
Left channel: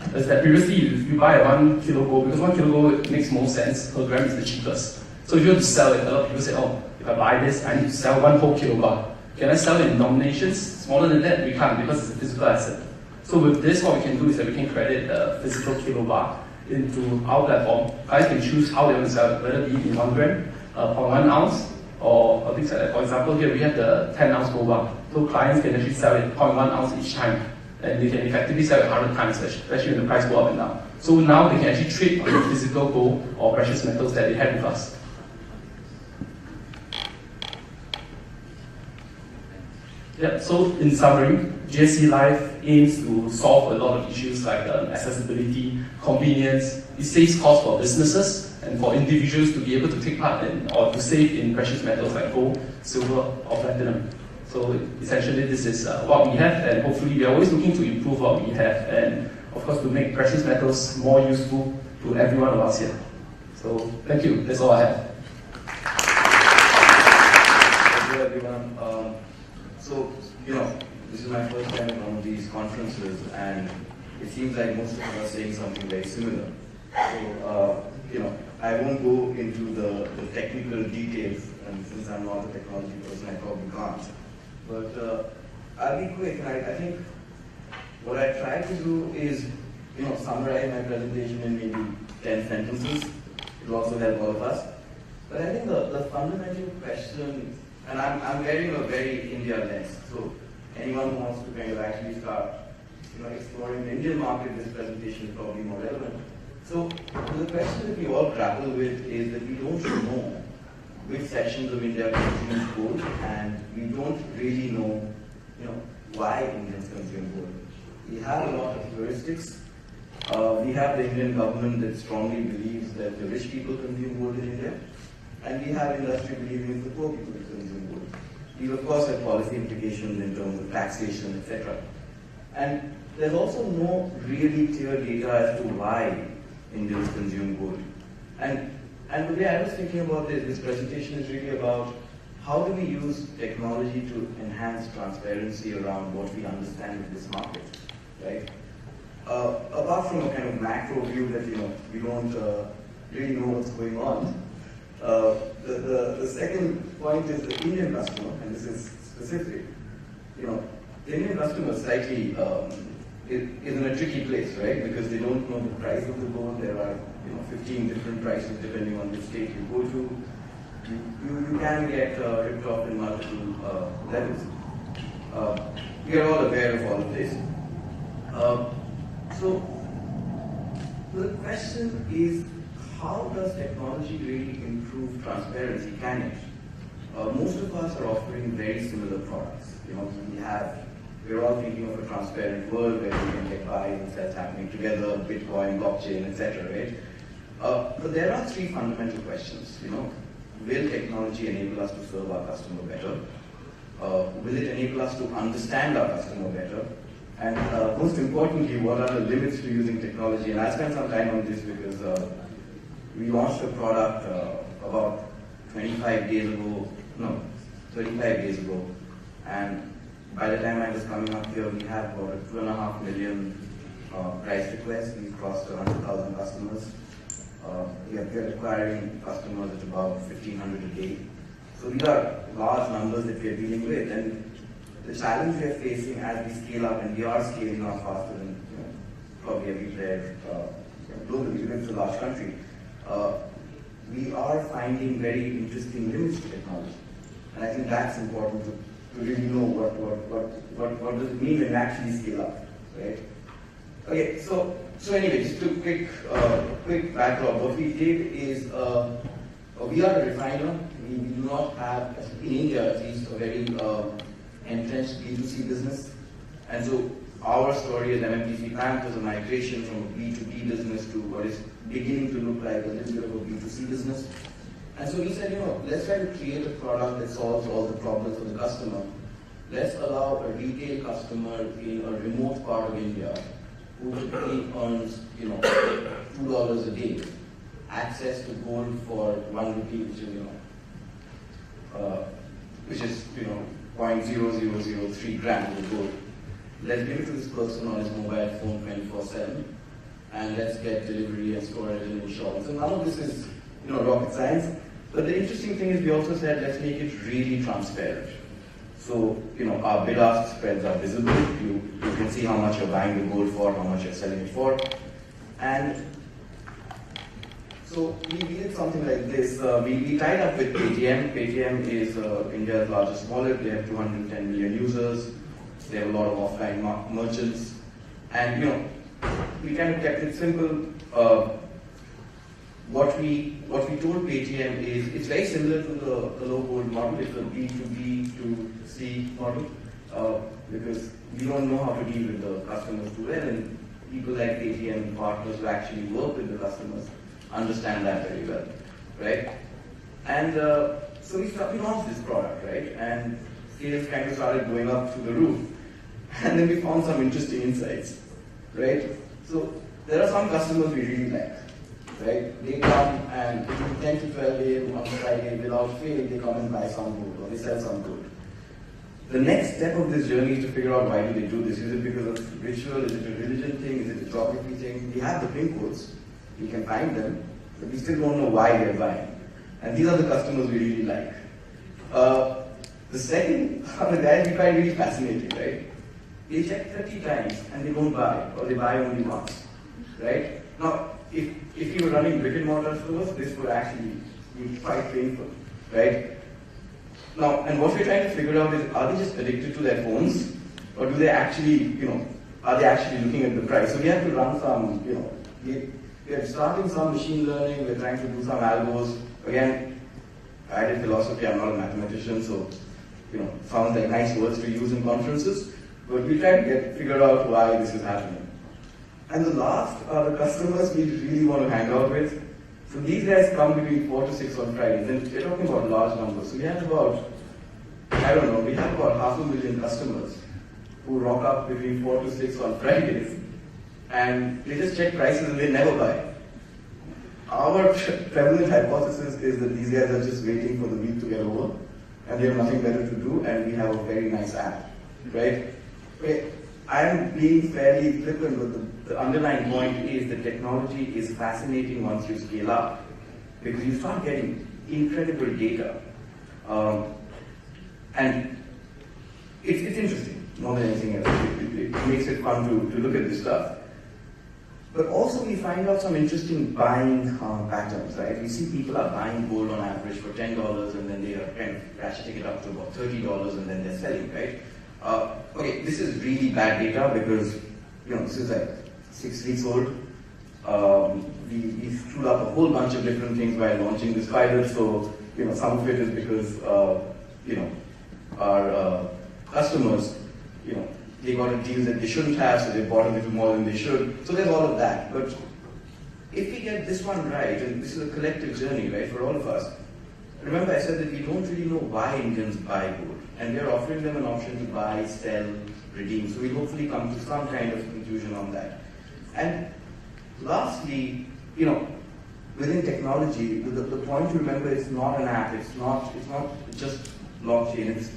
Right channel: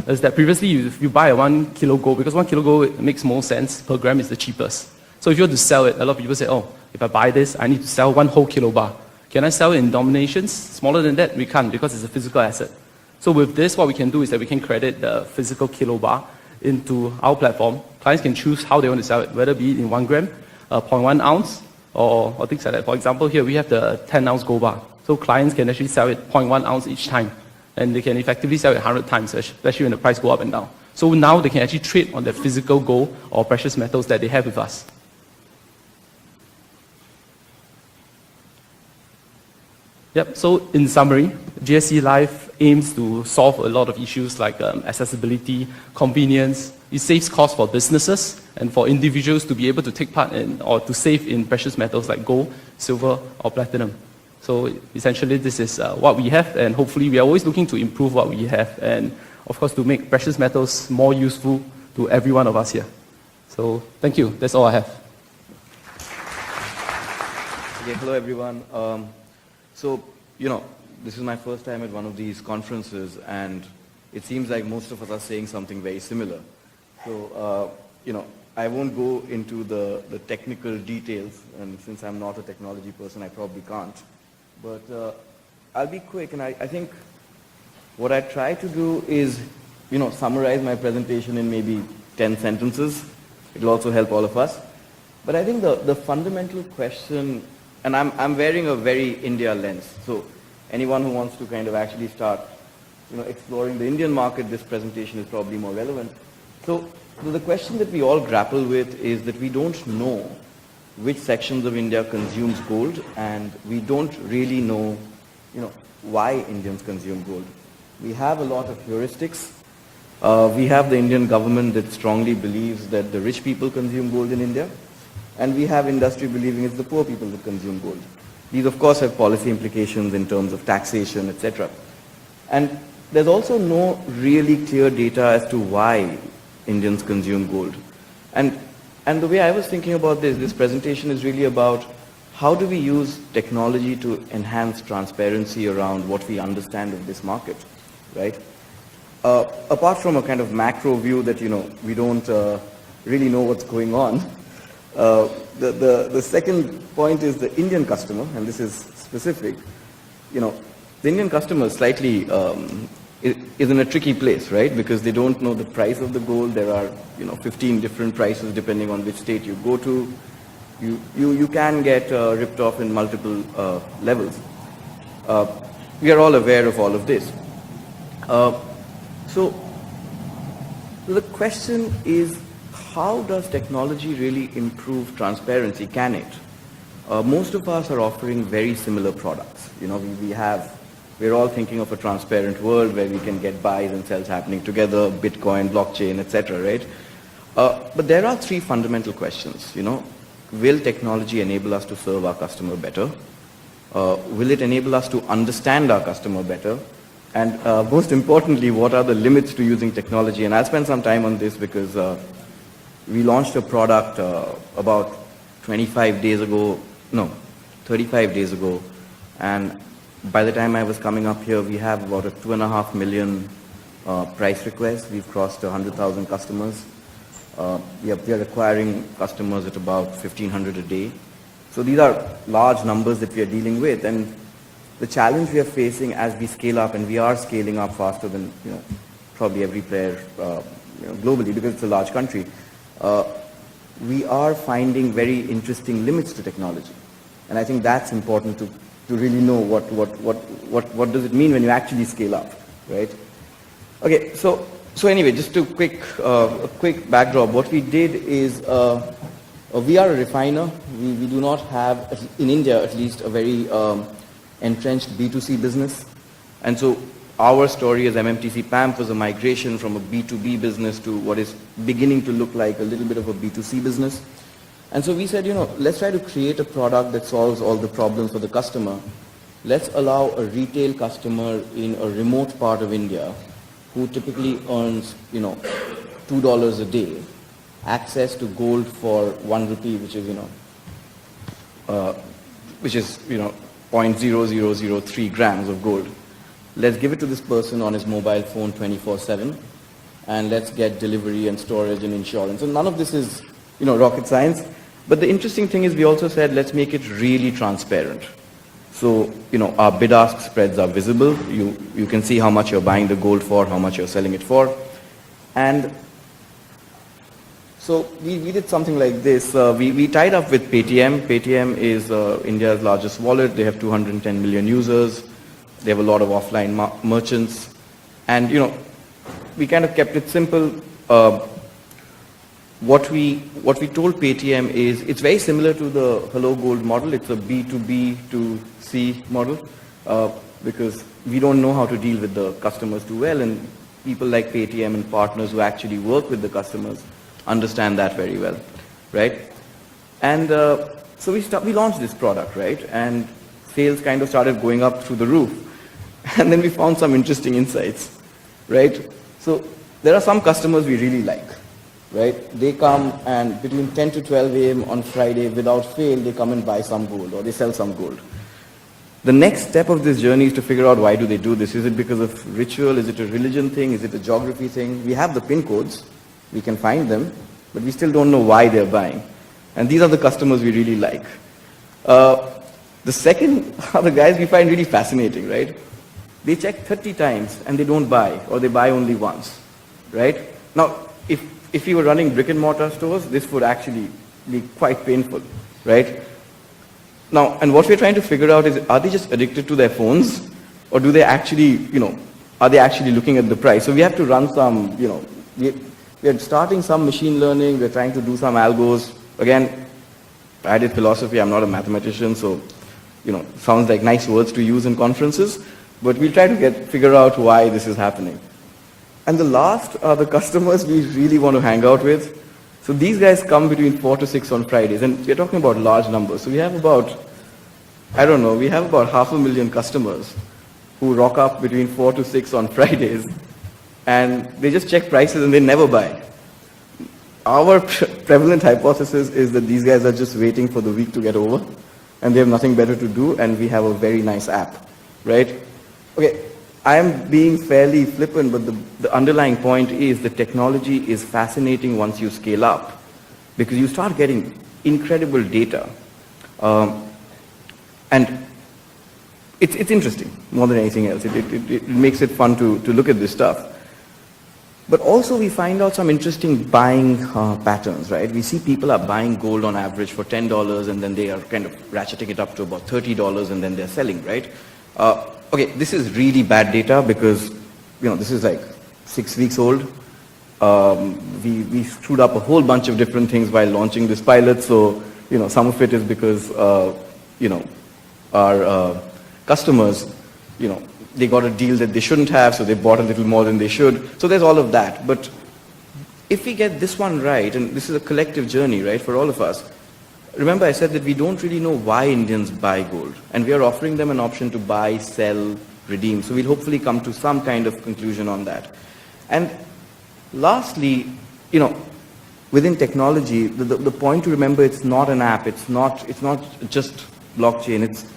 is that previously if you buy 1 kilo gold, because 1 kilo gold makes more sense, per gram is the cheapest. So if you want to sell it, a lot of people say, oh, if I buy this, I need to sell 1 whole kilo bar. Can I sell it in denominations smaller than that? We can't, because it's a physical asset. So with this, what we can do is that we can credit the physical kilo bar into our platform. Clients can choose how they want to sell it, whether it be in 1 gram, 0.1 ounce, or things like that. For example, here we have the 10 ounce gold bar. So clients can actually sell it 0.1 ounce each time. And they can effectively sell it 100 times, especially when the price go up and down. So now they can actually trade on the physical gold or precious metals that they have with us. Yep, so in summary, GSC Live aims to solve a lot of issues like accessibility, convenience. It saves costs for businesses and for individuals to be able to take part in or to save in precious metals like gold, silver, or platinum. So essentially this is what we have, and hopefully we are always looking to improve what we have, and of course to make precious metals more useful to every one of us here. So thank you, that's all I have. Hello everyone. So, this is my first time at one of these conferences, and it seems like most of us are saying something very similar. So, I won't go into the technical details, and since I'm not a technology person, I probably can't. But I'll be quick, and I think what I try to do is, summarize my presentation in maybe 10 sentences. It'll also help all of us. But I think the fundamental question, and I'm wearing a very India lens, so anyone who wants to kind of actually start, exploring the Indian market, this presentation is probably more relevant. So the question that we all grapple with is that we don't know which sections of India consumes gold, and we don't really know, why Indians consume gold. We have a lot of heuristics. We have the Indian government that strongly believes that the rich people consume gold in India. and we have industry believing it's the poor people who consume gold. These of course have policy implications in terms of taxation, etc. And there's also no really clear data as to why Indians consume gold. And the way I was thinking about this presentation is really about how do we use technology to enhance transparency around what we understand in this market, right? Apart from a kind of macro view that, we don't really know what's going on, the second point is the Indian customer, and this is specific. The Indian customer is slightly is in a tricky place, right? Because they don't know the price of the gold. There are 15 different prices depending on which state you go to. You can get ripped off in multiple levels. We are all aware of all of this. So the question is, how does technology really improve transparency? Can it? Most of us are offering very similar products. We're all thinking of a transparent world where we can get buys and sells happening together, Bitcoin, blockchain, etc., right? But there are three fundamental questions. Will technology enable us to serve our customer better? Will it enable us to understand our customer better? And most importantly, what are the limits to using technology? And I'll spend some time on this because we launched a product about 35 days ago, and by the time I was coming up here, we have about 2.5 million price requests. We've crossed 100,000 customers. We are acquiring customers at about 1,500 a day. So these are large numbers that we are dealing with, and the challenge we are facing as we scale up, and we are scaling up faster than probably every player globally because it's a large country. We are finding very interesting limits to technology, and I think that's important to really know what does it mean when you actually scale up, right? Okay, so anyway, just to a quick backdrop. What we did is we are a refiner. We do not have, in India at least, a very entrenched B2C business, and so our story as MMTC PAMP was a migration from a B2B business to what is beginning to look like a little bit of a B2C business. And so we said, let's try to create a product that solves all the problems for the customer. Let's allow a retail customer in a remote part of India who typically earns, $2 a day, access to gold for 1 rupee, which is 0.0003 grams of gold. Let's give it to this person on his mobile phone 24/7, and let's get delivery and storage and insurance. And none of this is, rocket science. But the interesting thing is we also said, let's make it really transparent. So, our bid-ask spreads are visible. You can see how much you're buying the gold for, how much you're selling it for. And so we did something like this. We tied up with Paytm. Paytm is India's largest wallet. They have 210 million users. They have a lot of offline merchants. And, we kind of kept it simple. What we told Paytm is it's very similar to the Hello Gold model. It's a B2B to C model because we don't know how to deal with the customers too well, and people like Paytm and partners who actually work with the customers understand that very well, right? And so we launched this product, right? And sales kind of started going up through the roof. And then we found some interesting insights, right? So there are some customers we really like. Right? They come and between 10 to 12 a.m. on Friday, without fail, they come and buy some gold or they sell some gold. The next step of this journey is to figure out why do they do this. Is it because of ritual? Is it a religion thing? Is it a geography thing? We have the PIN codes. We can find them, but we still don't know why they're buying. And these are the customers we really like. The second are the guys we find really fascinating, right? They check 30 times and they don't buy, or they buy only once, right? Now, if you were running brick and mortar stores, this would actually be quite painful, right? Now, and what we're trying to figure out is, are they just addicted to their phones, or do they actually, are they actually looking at the price? So we have to run some, we are starting some machine learning, we're trying to do some algos. Again, I did philosophy, I'm not a mathematician, so, sounds like nice words to use in conferences, but we'll try to figure out why this is happening. And the last are the customers we really want to hang out with. So these guys come between 4 to 6 on Fridays, and we're talking about large numbers. So we have about, I don't know, we have about 500,000 customers who rock up between 4 to 6 on Fridays, and they just check prices and they never buy. Our prevalent hypothesis is that these guys are just waiting for the week to get over, and they have nothing better to do, and we have a very nice app, right? Okay, I am being fairly flippant, but the underlying point is the technology is fascinating once you scale up, because you start getting incredible data. And it's interesting more than anything else. It makes it fun to look at this stuff. But also we find out some interesting buying patterns, right? We see people are buying gold on average for $10, and then they are kind of ratcheting it up to about $30, and then they're selling, right? Okay, this is really bad data because, this is like 6 weeks old. We screwed up a whole bunch of different things while launching this pilot. So, some of it is because, our customers, they got a deal that they shouldn't have, so they bought a little more than they should. So there's all of that. But if we get this one right, and this is a collective journey, right, for all of us, remember I said that we don't really know why Indians buy gold, and we are offering them an option to buy, sell, redeem. So we'll hopefully come to some kind of conclusion on that. And lastly, within technology, the point to remember, it's not an app, it's not just blockchain, it's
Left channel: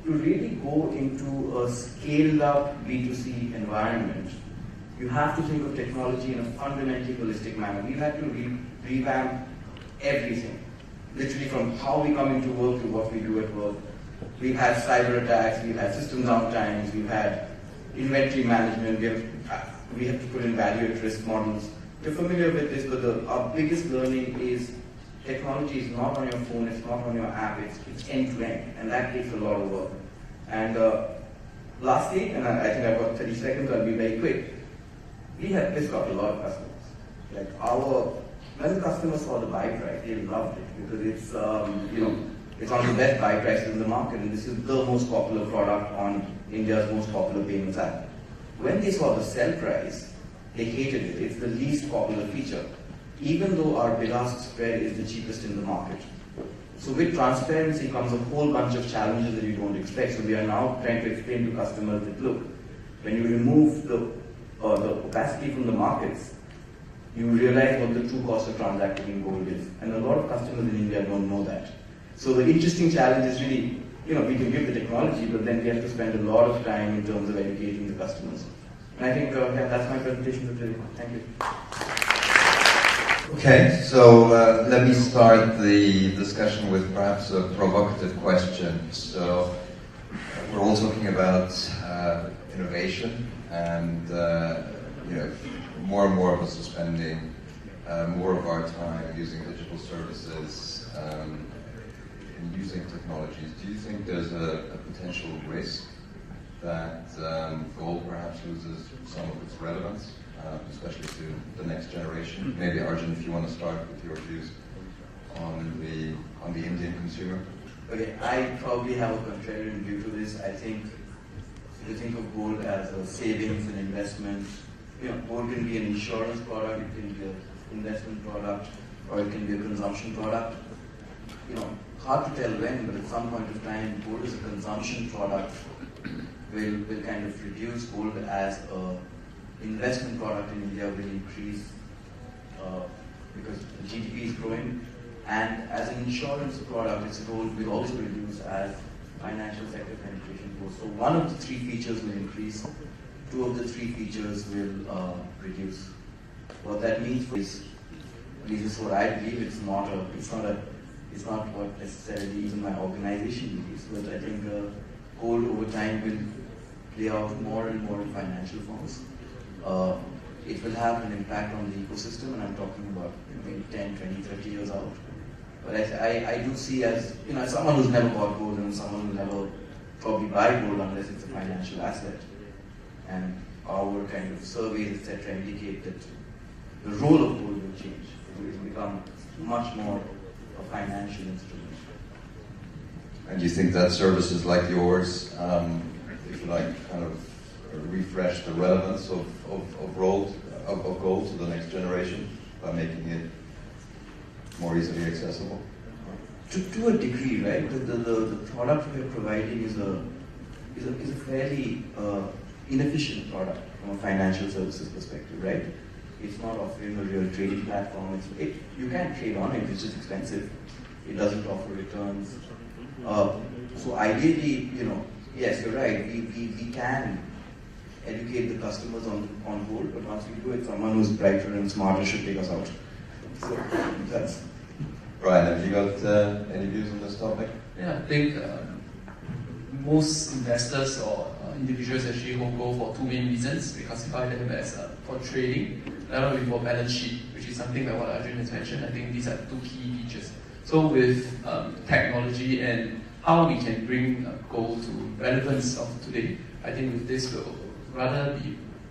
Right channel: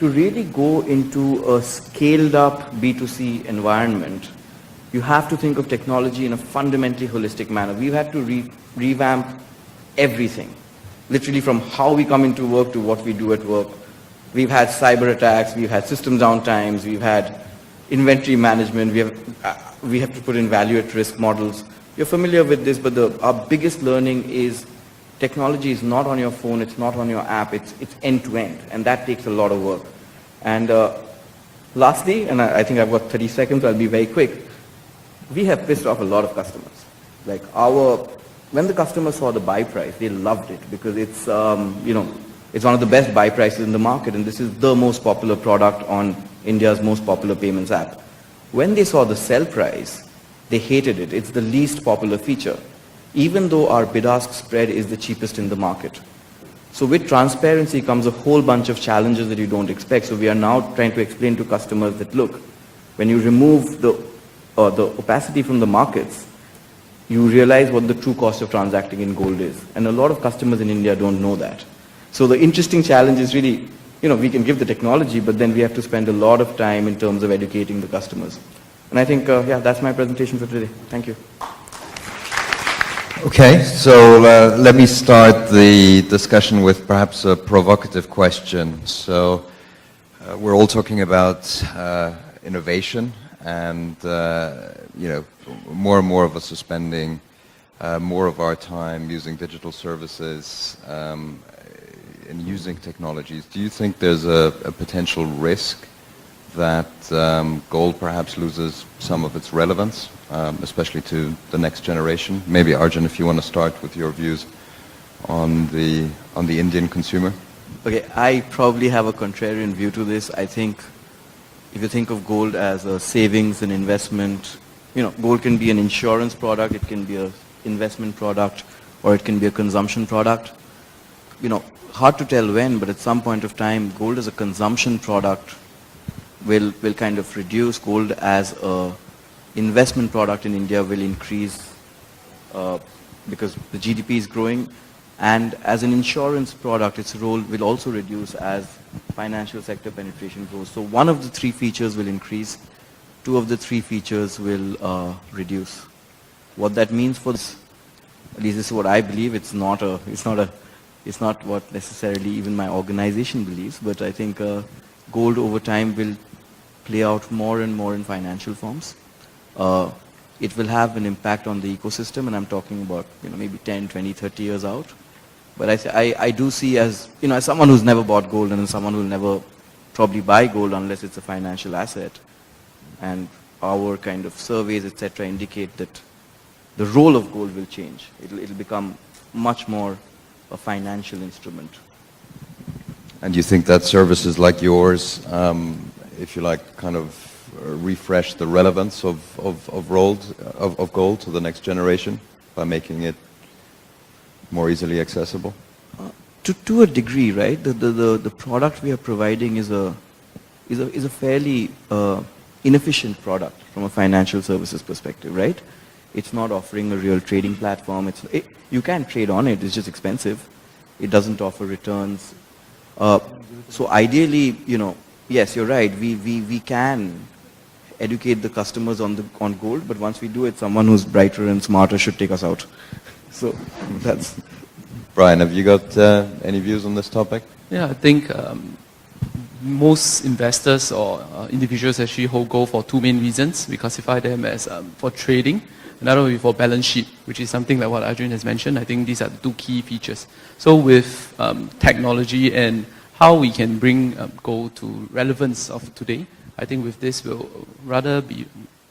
to really go into a scaled up B2C environment. You have to think of technology in a fundamentally holistic manner. We've had to revamp everything. Literally from how we come into work to what we do at work. We've had cyber attacks, we've had system downtimes, we've had inventory management, we have to put in value at risk models. You're familiar with this, but our biggest learning is technology is not on your phone, it's not on your app, it's end to end, and that takes a lot of work. And lastly, and I think I've got 30 seconds, I'll be very quick. We have pissed off a lot of customers. Like when the customers saw the buy price, they loved it because it's, it's one of the best buy prices in the market, and this is the most popular product on India's most popular payments app. When they saw the sell price, they hated it. It's the least popular feature, even though our bid-ask spread is the cheapest in the market. So with transparency comes a whole bunch of challenges that you don't expect. So we are now trying to explain to customers that, look, when you remove the opacity from the markets, you realize what the true cost of transacting in gold is. And a lot of customers in India don't know that. So the interesting challenge is really, we can give the technology, but then we have to spend a lot of time in terms of educating the customers. And I think, that's my presentation for today. Thank you. Okay, so let me start the discussion with perhaps a provocative question. So we're all talking about innovation, and more and more of us are spending more of our time using digital services and using technologies. Do you think there's a potential risk that gold perhaps loses some of its relevance, especially to the next generation? Maybe Arjun, if you want to start with your views on the Indian consumer. Okay, I probably have a contrarian view to this. I think if you think of gold as a savings and investment, gold can be an insurance product, it can be an investment product, or it can be a consumption product. Hard to tell when, but at some point of time, gold as a consumption product will kind of reduce. Gold as a investment product in India will increase because the GDP is growing, and as an insurance product, its role will also reduce as financial sector penetration grows. So one of the 3 features will increase, 2 of the 3 features will reduce. What that means for this, at least this is what I believe. It's not what necessarily even my organization believes, but I think gold over time will play out more and more in financial forms. It will have an impact on the ecosystem, and I'm talking about maybe 10, 20, 30 years out. But I do see as someone who's never bought gold and as someone who'll never probably buy gold unless it's a financial asset, and our kind of surveys, etc., indicate that the role of gold will change. It'll become much more a financial instrument. And you think that services like yours, if you like, kind of refresh the relevance of gold to the next generation by making it more easily accessible? To a degree, right? The product we are providing is a fairly inefficient product from a financial services perspective, right? It's not offering a real trading platform. You can trade on it. It's just expensive. It doesn't offer returns. So ideally, yes, you're right. We can educate the customers on gold, but once we do it, someone who's brighter and smarter should take us out. So that's. Brian, have you got any views on this topic? Yeah, I think most investors or individuals actually hold gold for two main reasons. We classify them as for trading, another one for balance sheet, which is something like what Arjun has mentioned. I think these are two key features. So with technology and how we can bring gold to relevance of today, I think with this will rather be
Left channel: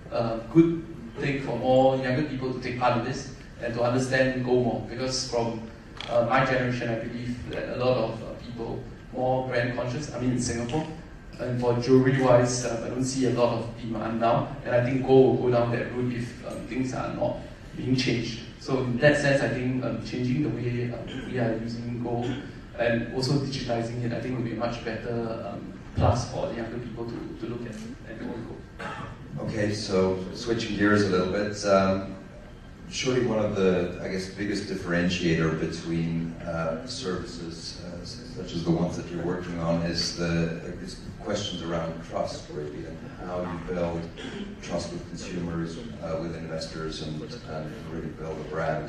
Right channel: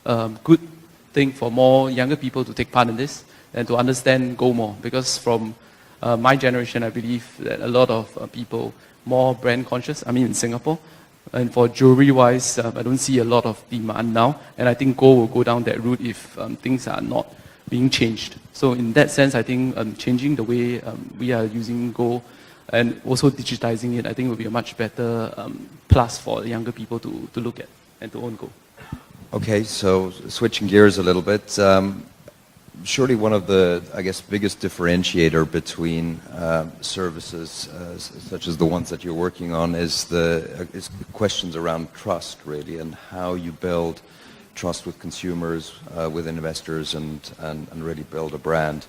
a good thing for more younger people to take part in this and to understand gold more. Because from my generation, I believe that a lot of people more brand conscious. I mean, in Singapore, and for jewelry-wise, I don't see a lot of demand now, and I think gold will go down that route if things are not being changed. So in that sense, I think changing the way we are using gold and also digitizing it, I think will be a much better plus for younger people to look at and to own gold. Okay, so switching gears a little bit. Surely one of the, I guess, biggest differentiator between services such as the ones that you're working on is questions around trust, really, and how you build trust with consumers, with investors, and really build a brand.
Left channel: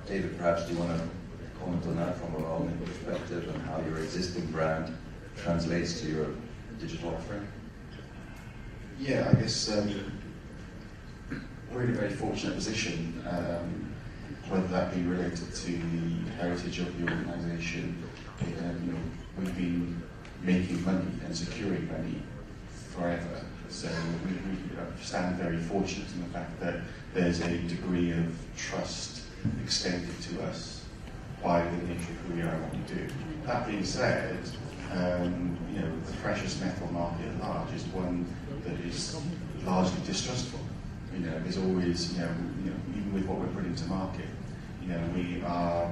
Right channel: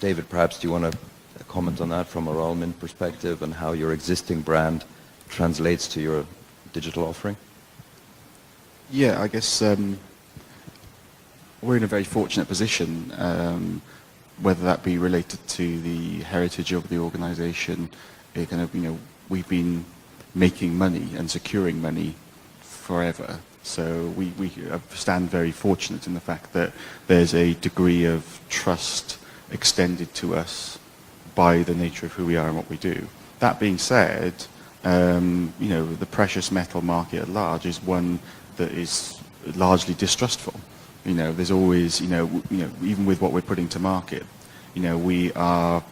David, perhaps do you want to comment on that from a Royal Mint perspective and how your existing brand translates to your digital offering? Yeah, I guess we're in a very fortunate position, whether that be related to the heritage of the organisation. We've been making money and securing money forever. So we stand very fortunate in the fact that there's a degree of trust extended to us by the nature of who we are and what we do. That being said, the precious metal market at large is one that is largely distrustful. There's always, even with what we're putting to market, we are,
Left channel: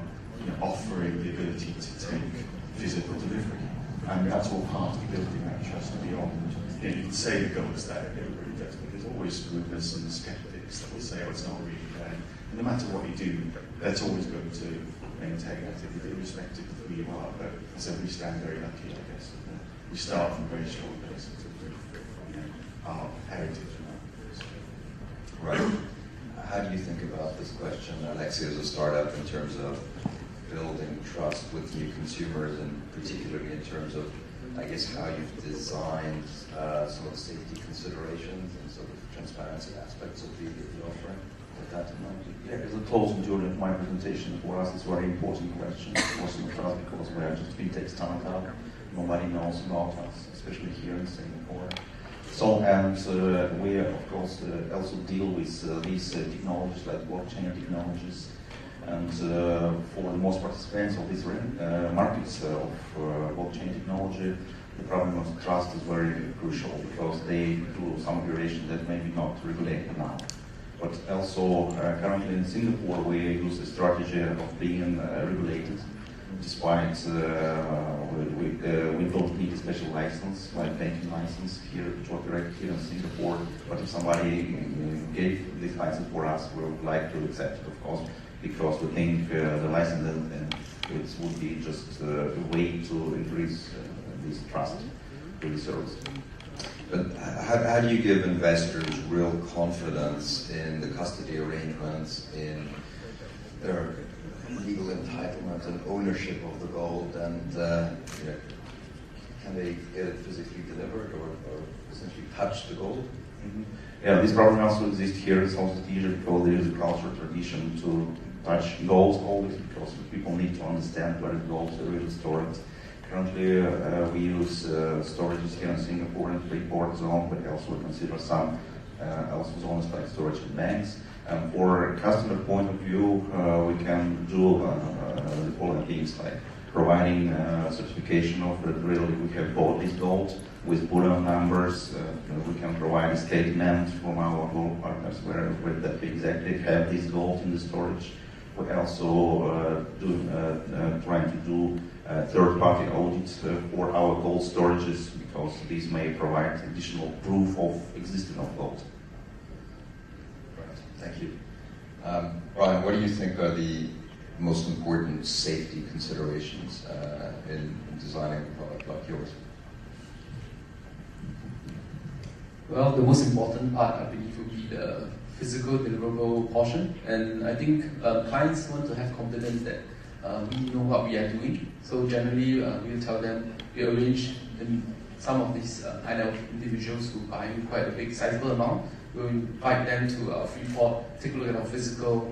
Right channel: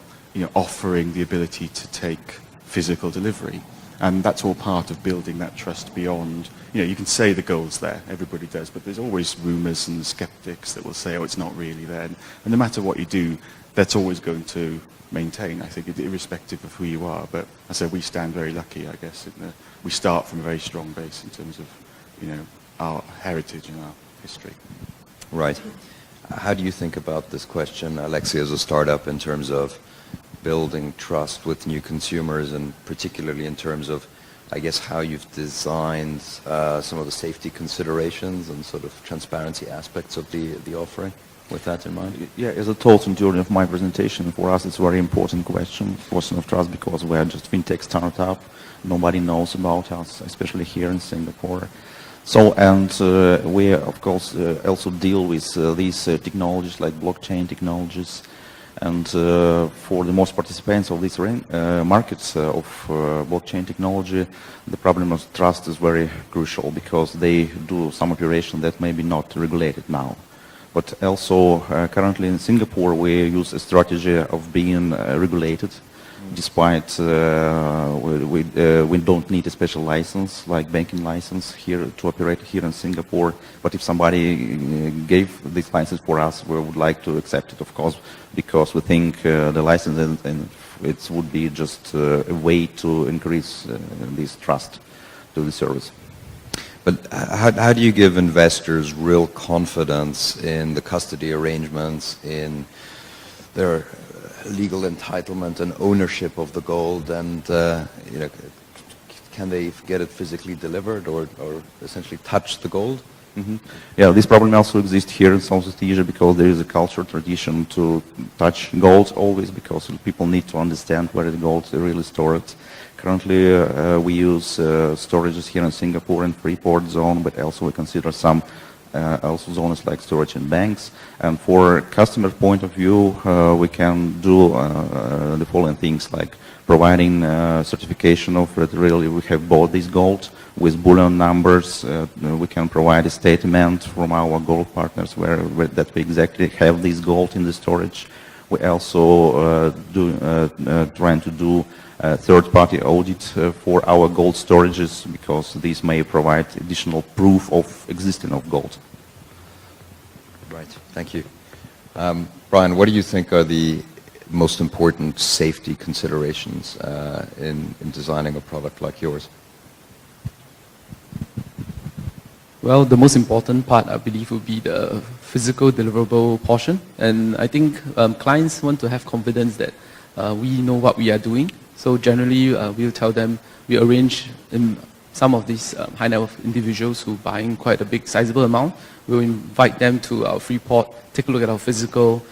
offering the ability to take physical delivery. And that's all part of building that trust beyond, you can say the gold's there, everybody does, but there's always rumours and skeptics that will say, oh, it's not really there. And no matter what you do, that's always going to maintain, I think, irrespective of who you are. But I say we stand very lucky, I guess. We start from a very strong base in terms of, our heritage and our history. Right. How do you think about this question, Alexia, as a startup, in terms of building trust with new consumers, and particularly in terms of, I guess, how you've designed some of the safety considerations and sort of transparency aspects of the offering, with that in mind? Yeah, as I told him during my presentation, for us it's a very important question of trust, because we're just fintech startup. Nobody knows about us, especially here in Singapore. So, and we, of course, also deal with these technologies like blockchain technologies. And for the most participants of these markets of blockchain technology, the problem of trust is very crucial, because they do some operation that may be not regulated now. But also, currently in Singapore, we use a strategy of being regulated, despite we don't need a special license, like banking license, here to operate here in Singapore. But if somebody gave this license for us, we would like to accept it, of course, because we think the license and it would be just a way to increase this trust to the service. But how do you give investors real confidence in the custody arrangements, in their legal entitlement and ownership of the gold, and can they get it physically delivered or essentially touch the gold? Mm-hmm. Yeah, this problem also exists here in Southeast Asia, because there is a cultural tradition to touch gold always, because people need to understand where the gold is really stored. Currently, we use storages here in Singapore and Freeport zone, but also we consider some also zones like storage in banks. And for customer point of view, we can do the following things, like providing certification of that really we have bought this gold with bullion numbers. We can provide a statement from our gold partners where that we exactly have this gold in the storage. We're also trying to do third-party audit for our gold storages, because these may provide additional proof of existence of gold. Right, thank you. Brian, what do you think are the most important safety considerations in designing a product like yours? Well, the most important part, I believe, would be the physical deliverable portion. And I think clients want to have confidence that we know what we are doing. So generally, we'll tell them, we arrange in some of these high net worth individuals who are buying quite a big sizable amount. We'll invite them to our free port, take a look at our physical.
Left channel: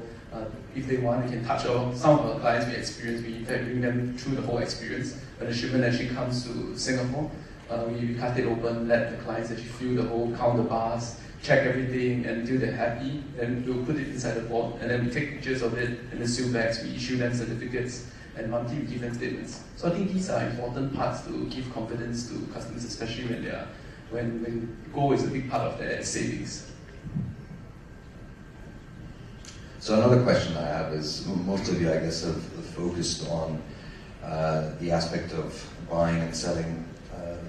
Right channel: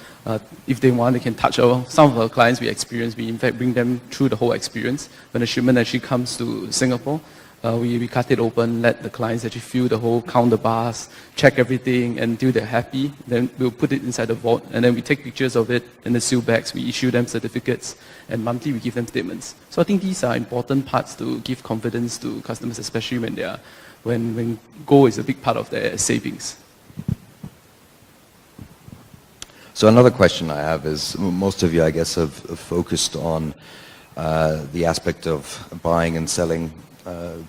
If they want, they can touch some of our clients we experience. We in fact bring them through the whole experience. When a shipment actually comes to Singapore, we cut it open, let the clients actually feel the whole counter bars, check everything, and until they're happy, then we'll put it inside the vault, and then we take pictures of it in the seal bags, we issue them certificates, and monthly we give them statements. So I think these are important parts to give confidence to customers, especially when gold is a big part of their savings. So another question I have is, most of you, I guess, have focused on the aspect of buying and selling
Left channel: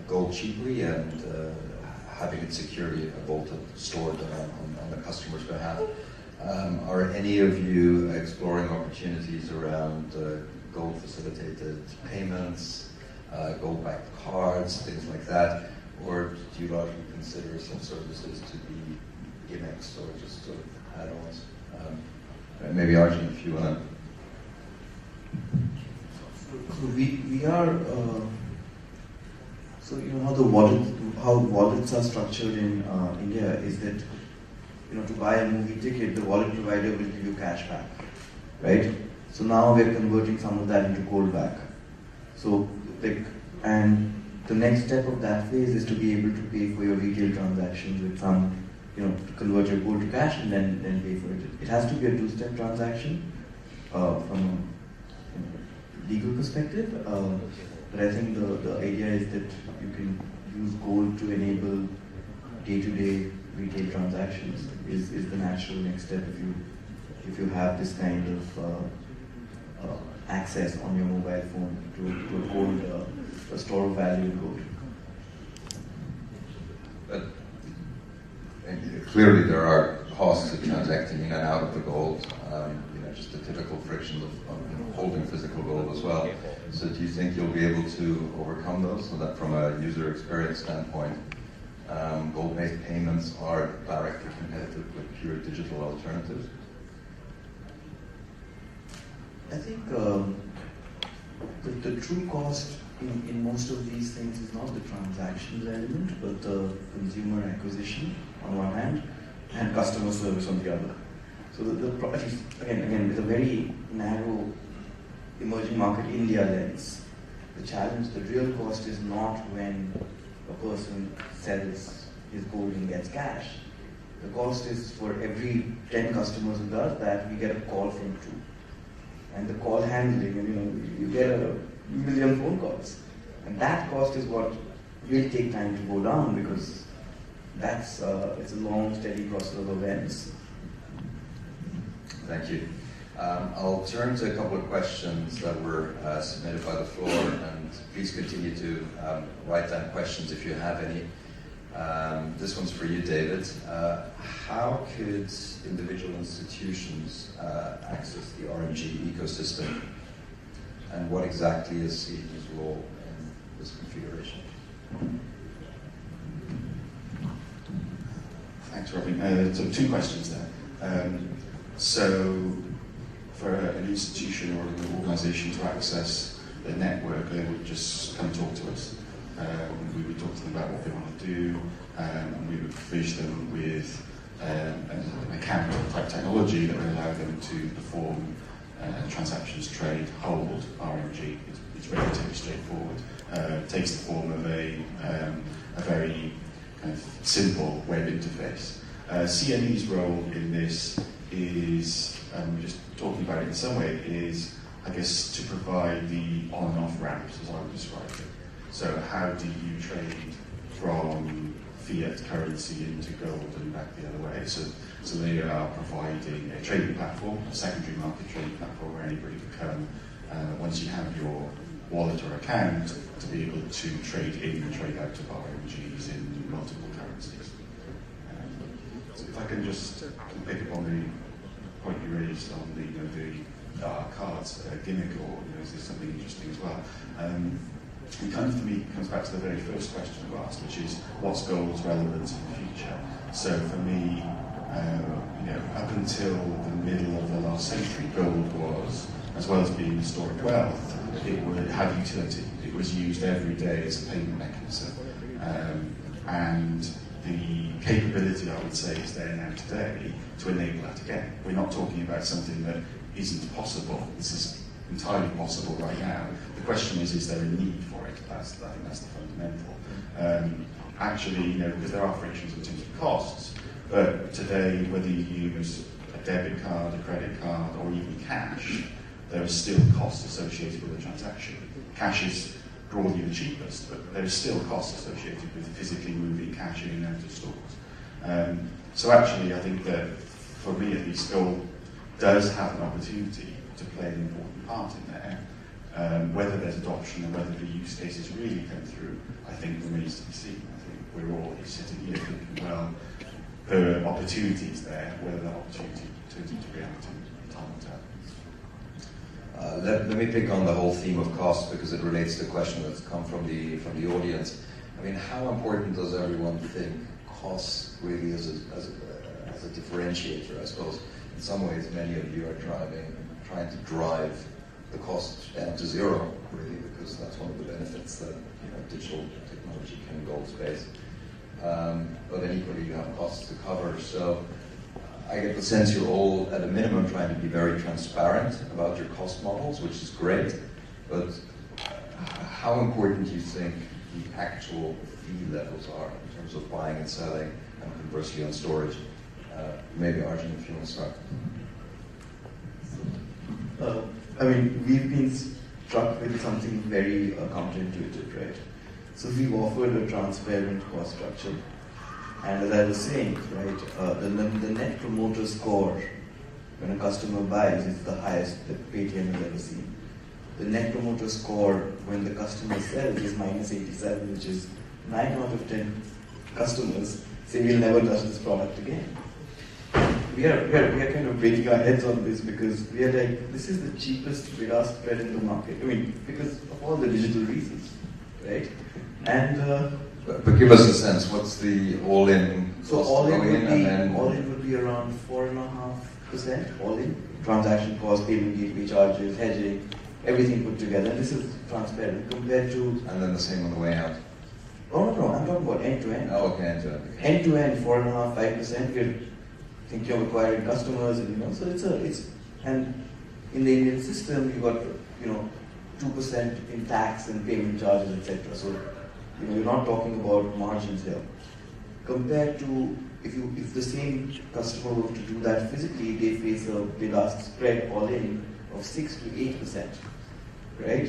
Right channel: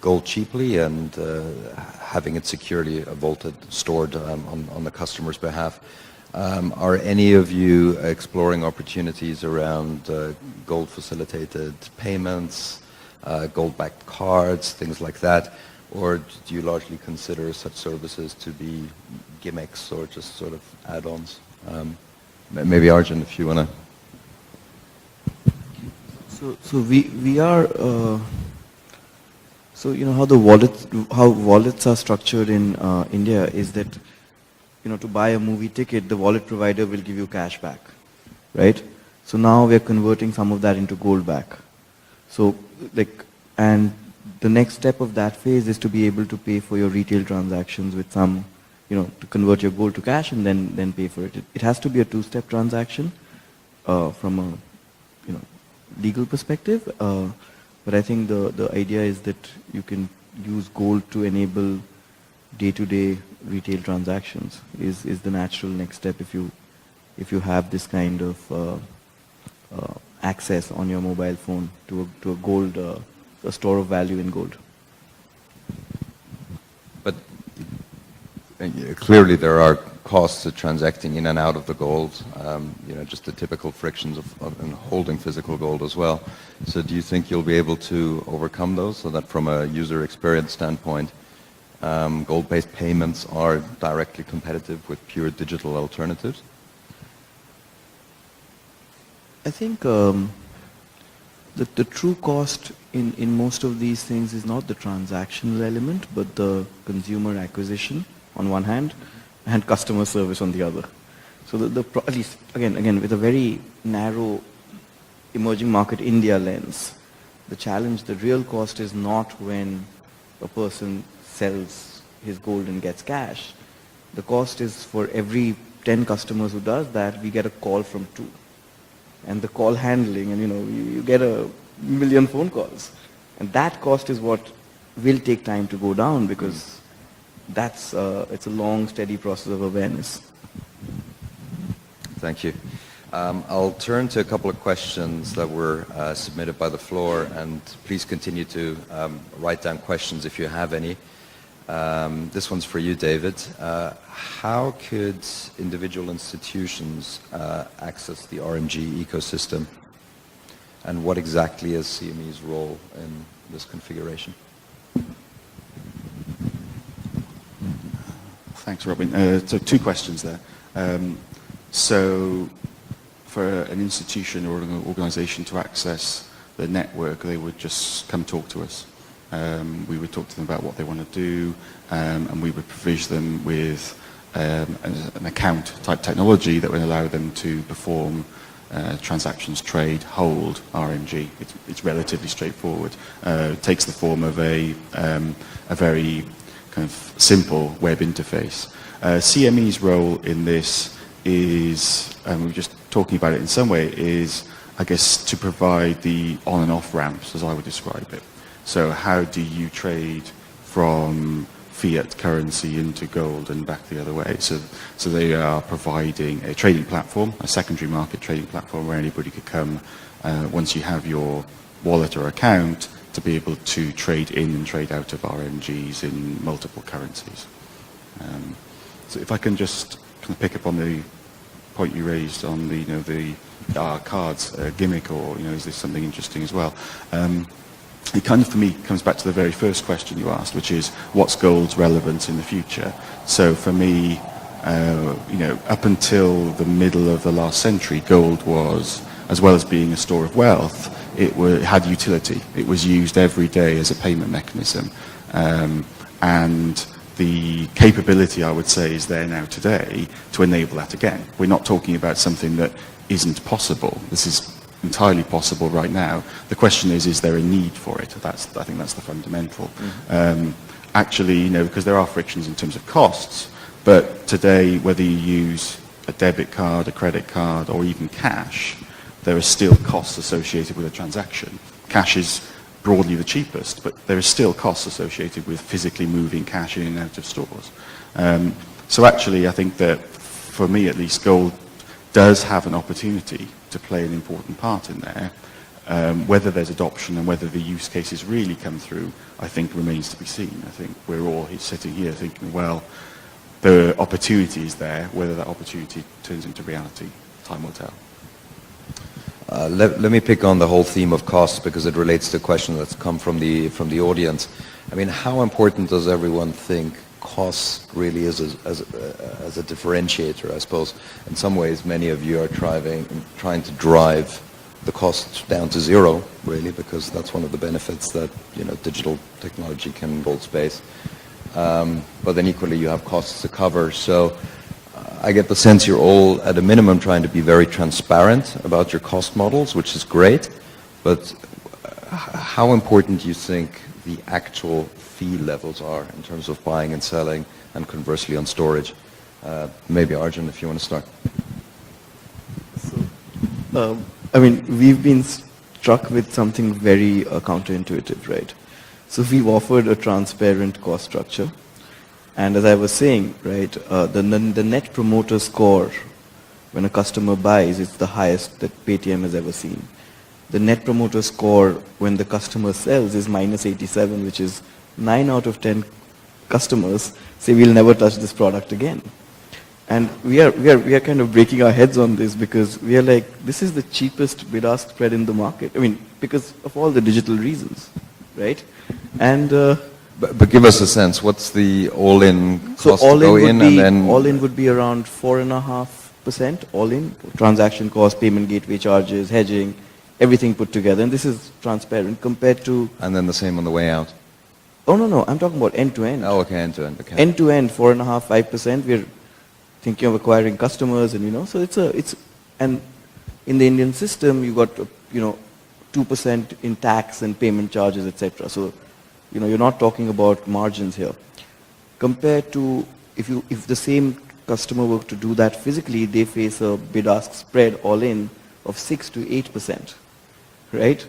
gold cheaply and having it securely vaulted, stored on the customer's behalf. Are any of you exploring opportunities around gold facilitated payments, gold-backed cards, things like that? Or do you largely consider such services to be gimmicks or just sort of add-ons? Maybe Arjun, if you want to. So we are. So you know how wallets are structured in India is that, you know, to buy a movie ticket, the wallet provider will give you cash back, right? So now we're converting some of that into gold back. So and the next step of that phase is to be able to pay for your retail transactions with some, you know, to convert your gold to cash and then pay for it. It has to be a two-step transaction from a, you know, legal perspective. But I think the idea is that you can use gold to enable day-to-day retail transactions is the natural next step if you have this kind of access on your mobile phone to a gold, a store of value in gold. But clearly there are costs of transacting in and out of the gold, you know, just the typical frictions of holding physical gold as well. So do you think you'll be able to overcome those so that from a user experience standpoint, gold-based payments are directly competitive with pure digital alternatives? I think the true cost in most of these things is not the transactional element, but the consumer acquisition on one hand and customer service on the other. So at least again with a very narrow emerging market India lens, the challenge, the real cost is not when a person sells his gold and gets cash. The cost is for every 10 customers who does that, we get a call from 2. And the call handling, and you know, you get a million phone calls. And that cost is what will take time to go down, because that's it's a long, steady process of awareness. Thank you. I'll turn to a couple of questions that were submitted by the floor, and please continue to write down questions if you have any. This one's for you, David. How could individual institutions access the RMG ecosystem, and what exactly is CME's role in this configuration? Thanks, Robin. So 2 questions there. So for an institution or an organisation to access the network, they would just come talk to us. We would talk to them about what they want to do, and we would provision them with an account type technology that would allow them to perform transactions, trade, hold RMG. It's relatively straightforward. It takes the form of a very kind of simple web interface. CME's role in this is, we were just talking about it in some way, is, I guess, to provide the on and off ramps, as I would describe it. So how do you trade from fiat currency into gold and back the other way. So they are providing a trading platform, a secondary market trading platform where anybody could come once you have your wallet or account to be able to trade in and trade out of RMGs in multiple currencies. So if I can just kind of pick up on the point you raised on the cards gimmick, or is this something interesting as well? It kind of, for me, comes back to the very first question you asked, which is what's gold's relevance in the future? So for me, up until the middle of the last century, gold was, as well as being a store of wealth, it had utility. It was used every day as a payment mechanism. And the capability, I would say, is there now today to enable that again. We're not talking about something that isn't possible. This is entirely possible right now. The question is there a need for it? I think that's the fundamental. Actually, because there are frictions in terms of costs, but today, whether you use a debit card, a credit card, or even cash, there are still costs associated with a transaction. Cash is broadly the cheapest, but there are still costs associated with physically moving cash in and out of stores. So actually, I think that, for me at least, gold does have an opportunity to play an important part in there. Whether there's adoption and whether the use cases really come through, I think remains to be seen. I think we're all sitting here thinking, well, the opportunity is there. Whether that opportunity turns into reality, time will tell. Let me pick on the whole theme of costs, because it relates to a question that's come from the audience. I mean, how important does everyone think cost really is as a differentiator? I suppose in some ways many of you are trying to drive the costs down to zero, really, because that's one of the benefits that digital technology can hold space. But then equally you have costs to cover. So I get the sense you're all at a minimum trying to be very transparent about your cost models, which is great. But how important do you think the actual fee levels are in terms of buying and selling, and conversely on storage? Maybe Arjun, if you want to start. We've been struck with something very counterintuitive, right? So we've offered a transparent cost structure. And as I was saying, right, the net promoter score when a customer buys is the highest that Paytm has ever seen. The net promoter score when the customer sells is -87, which is 9 out of 10 customers say we'll never touch this product again. And we are kind of breaking our heads on this, because we are like, this is the cheapest bid-ask spread in the market. I mean, because of all the digital reasons, right? And but give us a sense. What's the all-in cost so all to go in in, and then all in would be around 4.5% all in, transaction cost, payment gateway charges, hedging, everything put together. And this is transparent compared to. And then the same on the way out. Oh no, I'm talking about end to end. Oh, okay, end to end. Okay. End to end, 4.5%, 5%. We're thinking of acquiring customers, and so it's and in the Indian system you got 2% in tax and payment charges, etc. So you're not talking about margins here. Compared to if the same customer were to do that physically, they face a bid-ask spread all in of 6 to 8%, right?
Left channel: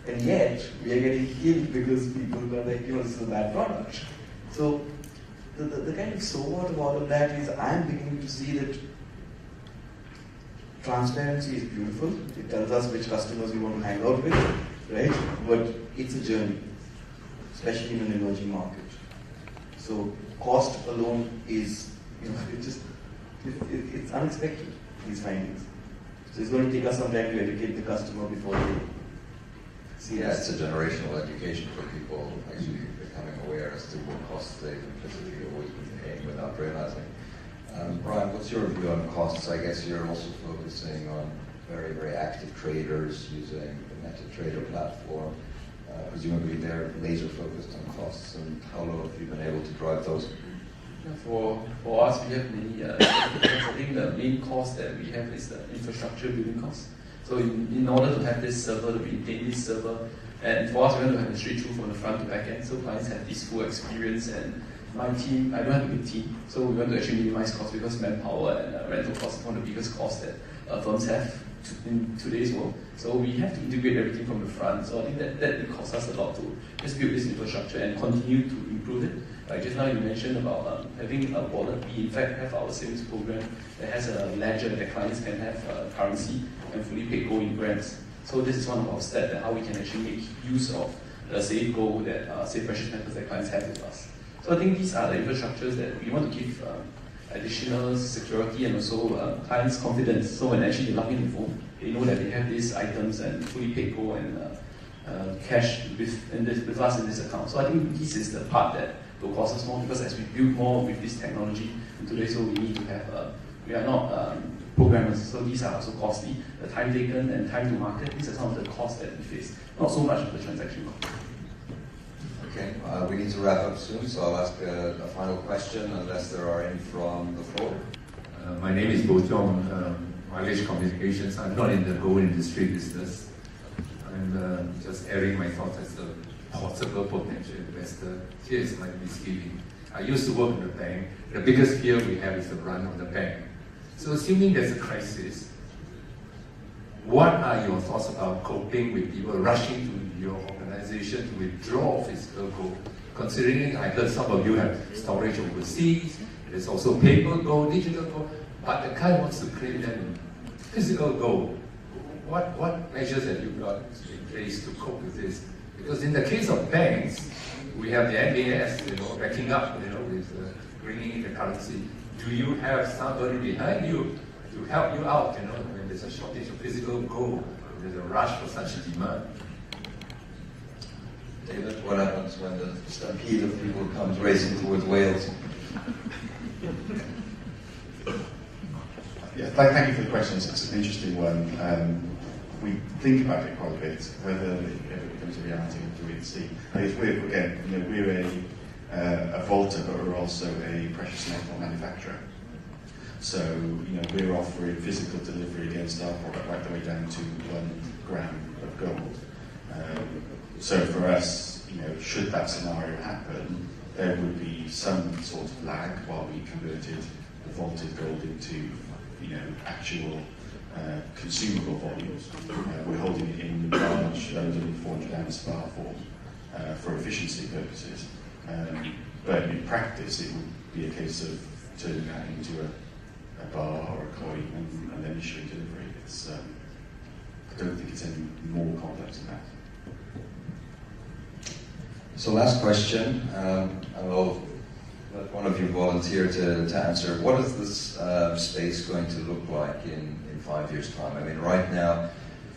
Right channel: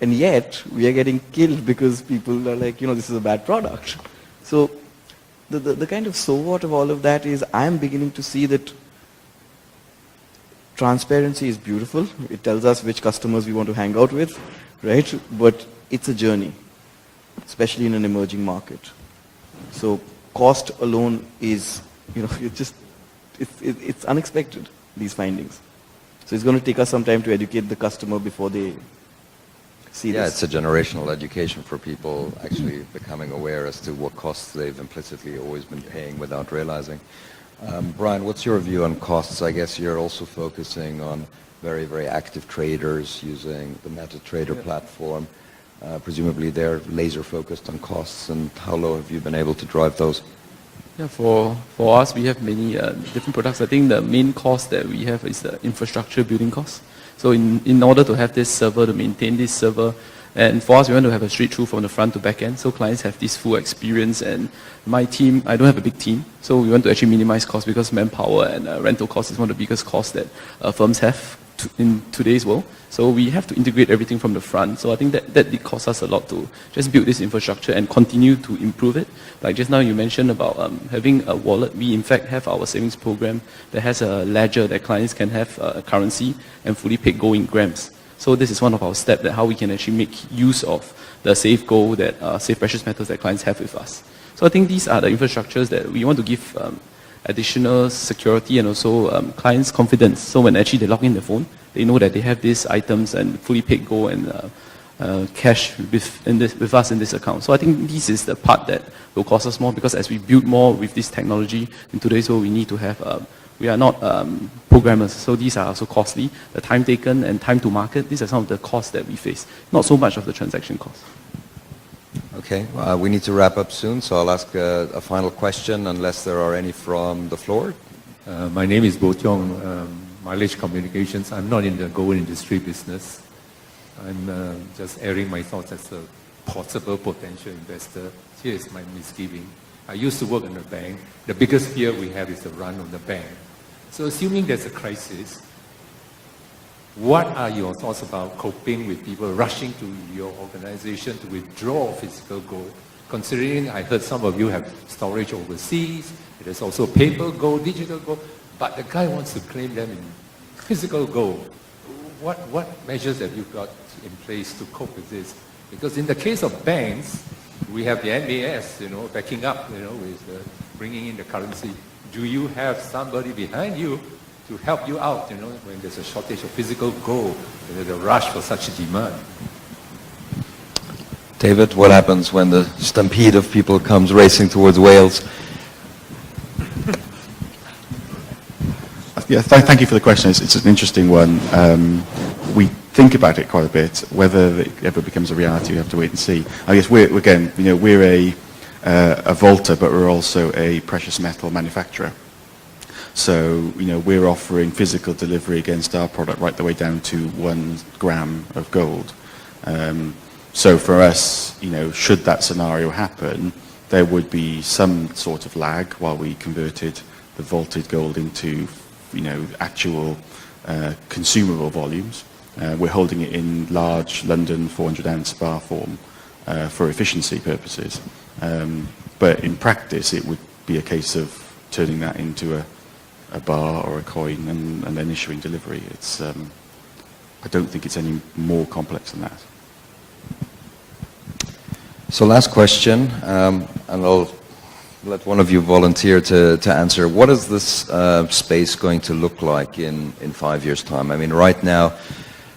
And yet we are getting killed because people are like, this is a bad product. So the kind of so what of all of that is, I am beginning to see that transparency is beautiful. It tells us which customers we want to hang out with, right? But it's a journey, especially in an emerging market. So cost alone is, it's unexpected, these findings. So it's going to take us some time to educate the customer before they see this. Yeah, it's a generational education for people actually becoming aware as to what costs they've implicitly always been paying without realizing. Brian, what's your view on costs? I guess you're also focusing on very, very active traders using the MetaTrader platform. Presumably they're laser focused on costs, and how low have you been able to drive those? Yeah, for us, we have many different products. I think the main cost that we have is the infrastructure building cost. So in order to have this server, to maintain this server, And for us, we want to have a straight through from the front to back end, so clients have this full experience. And my team, I don't have a big team, so we want to actually minimize costs, because manpower and rental costs is one of the biggest costs that firms have in today's world. So we have to integrate everything from the front. So I think that it costs us a lot to just build this infrastructure and continue to improve it. Like just now you mentioned about having a wallet. We in fact have our savings program that has a ledger that clients can have a currency and fully paid gold in grams. So this is one of our steps that how we can actually make use of the safe gold, that safe precious metals that clients have with us. So I think these are the infrastructures that we want to give additional security and also clients confidence. So when actually they log in their phone, they know that they have these items and fully paid gold and cash with us in this account. So I think this is the part that will cost us more, because as we build more with this technology in today's world, we need to have, we are not programmers, so these are also costly. The time taken and time to market, these are some of the costs that we face, not so much of the transaction cost. Okay, we need to wrap up soon, so I'll ask a final question, unless there are any from the floor. My name is Bo Tiong, Mileage Communications. I'm not in the gold industry business. I'm just airing my thoughts as a possible potential investor. Here is my misgiving. I used to work in a bank. The biggest fear we have is the run of the bank. So assuming there's a crisis, what are your thoughts about coping with people rushing to your organization to withdraw physical gold? Considering I heard some of you have storage overseas, there's also paper gold, digital gold, but the guy wants to claim that in physical gold. What measures have you got in place to cope with this? Because in the case of banks, we have the MBS, backing up, with bringing in the currency. Do you have somebody behind you to help you out, when there's a shortage of physical gold, there's a rush for such a demand? David, what happens when the stampede of people comes racing towards Wales? Yeah, thank you for the question. It's an interesting one. We think about it quite a bit. Whether it ever becomes a reality, we have to wait and see. I guess we're a vaulter, but we're also a precious metal manufacturer. So, we're offering physical delivery against our product right the way down to 1 gram of gold. So for us, should that scenario happen, there would be some sort of lag while we converted the vaulted gold into, actual consumable volumes. We're holding it in large London 400-ounce bar form for efficiency purposes. But in practice, it would be a case of turning that into a bar or a coin and then issuing delivery. It's, I don't think it's any more complex than that. So last question, and I'll let one of you volunteer to answer. What is this space going to look like in 5 years' time? I mean, right now,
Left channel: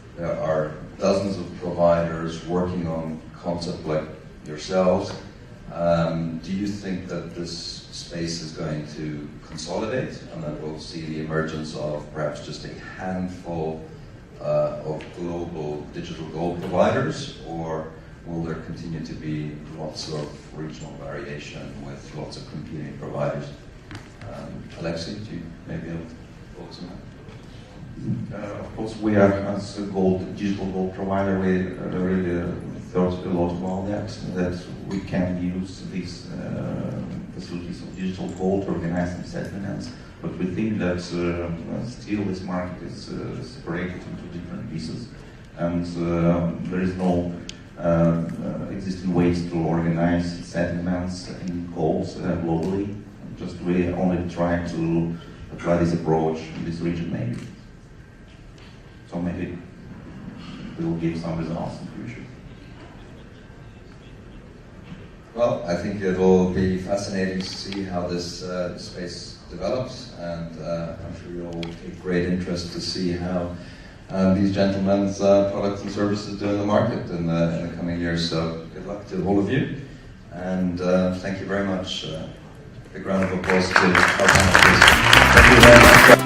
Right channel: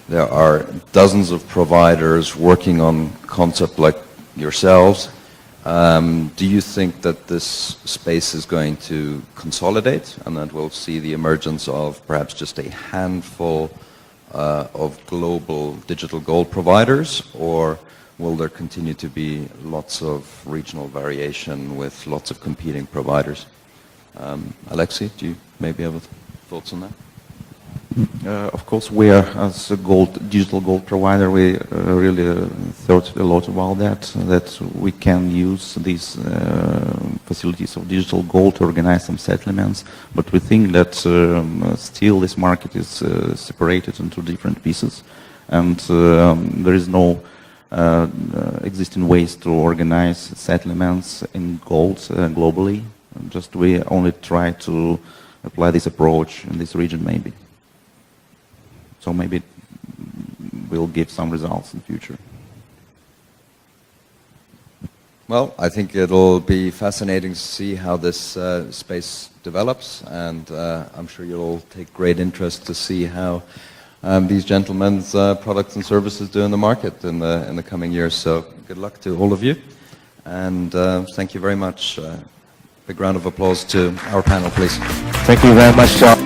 there are dozens of providers working on concepts like yourselves. Do you think that this space is going to consolidate and that we'll see the emergence of perhaps just a handful of global digital gold providers, or will there continue to be lots of regional variation with lots of competing providers? Alexei, do you maybe have thoughts on that? Of course, we are, as a digital gold provider, we really thought a lot about that we can use these facilities of digital gold to organize some settlements, but we think that still this market is separated into different pieces, and there is no existing ways to organize settlements in gold globally. Just we only try to apply this approach in this region maybe. So maybe it will give some results in the future. Well, I think it'll be fascinating to see how this space develops, and I'm sure you'll take great interest to see how these gentlemen's products and services do in the market in the coming years. So good luck to all of you, and thank you very much. Big round of applause to our panel, please. Thank you very much, John.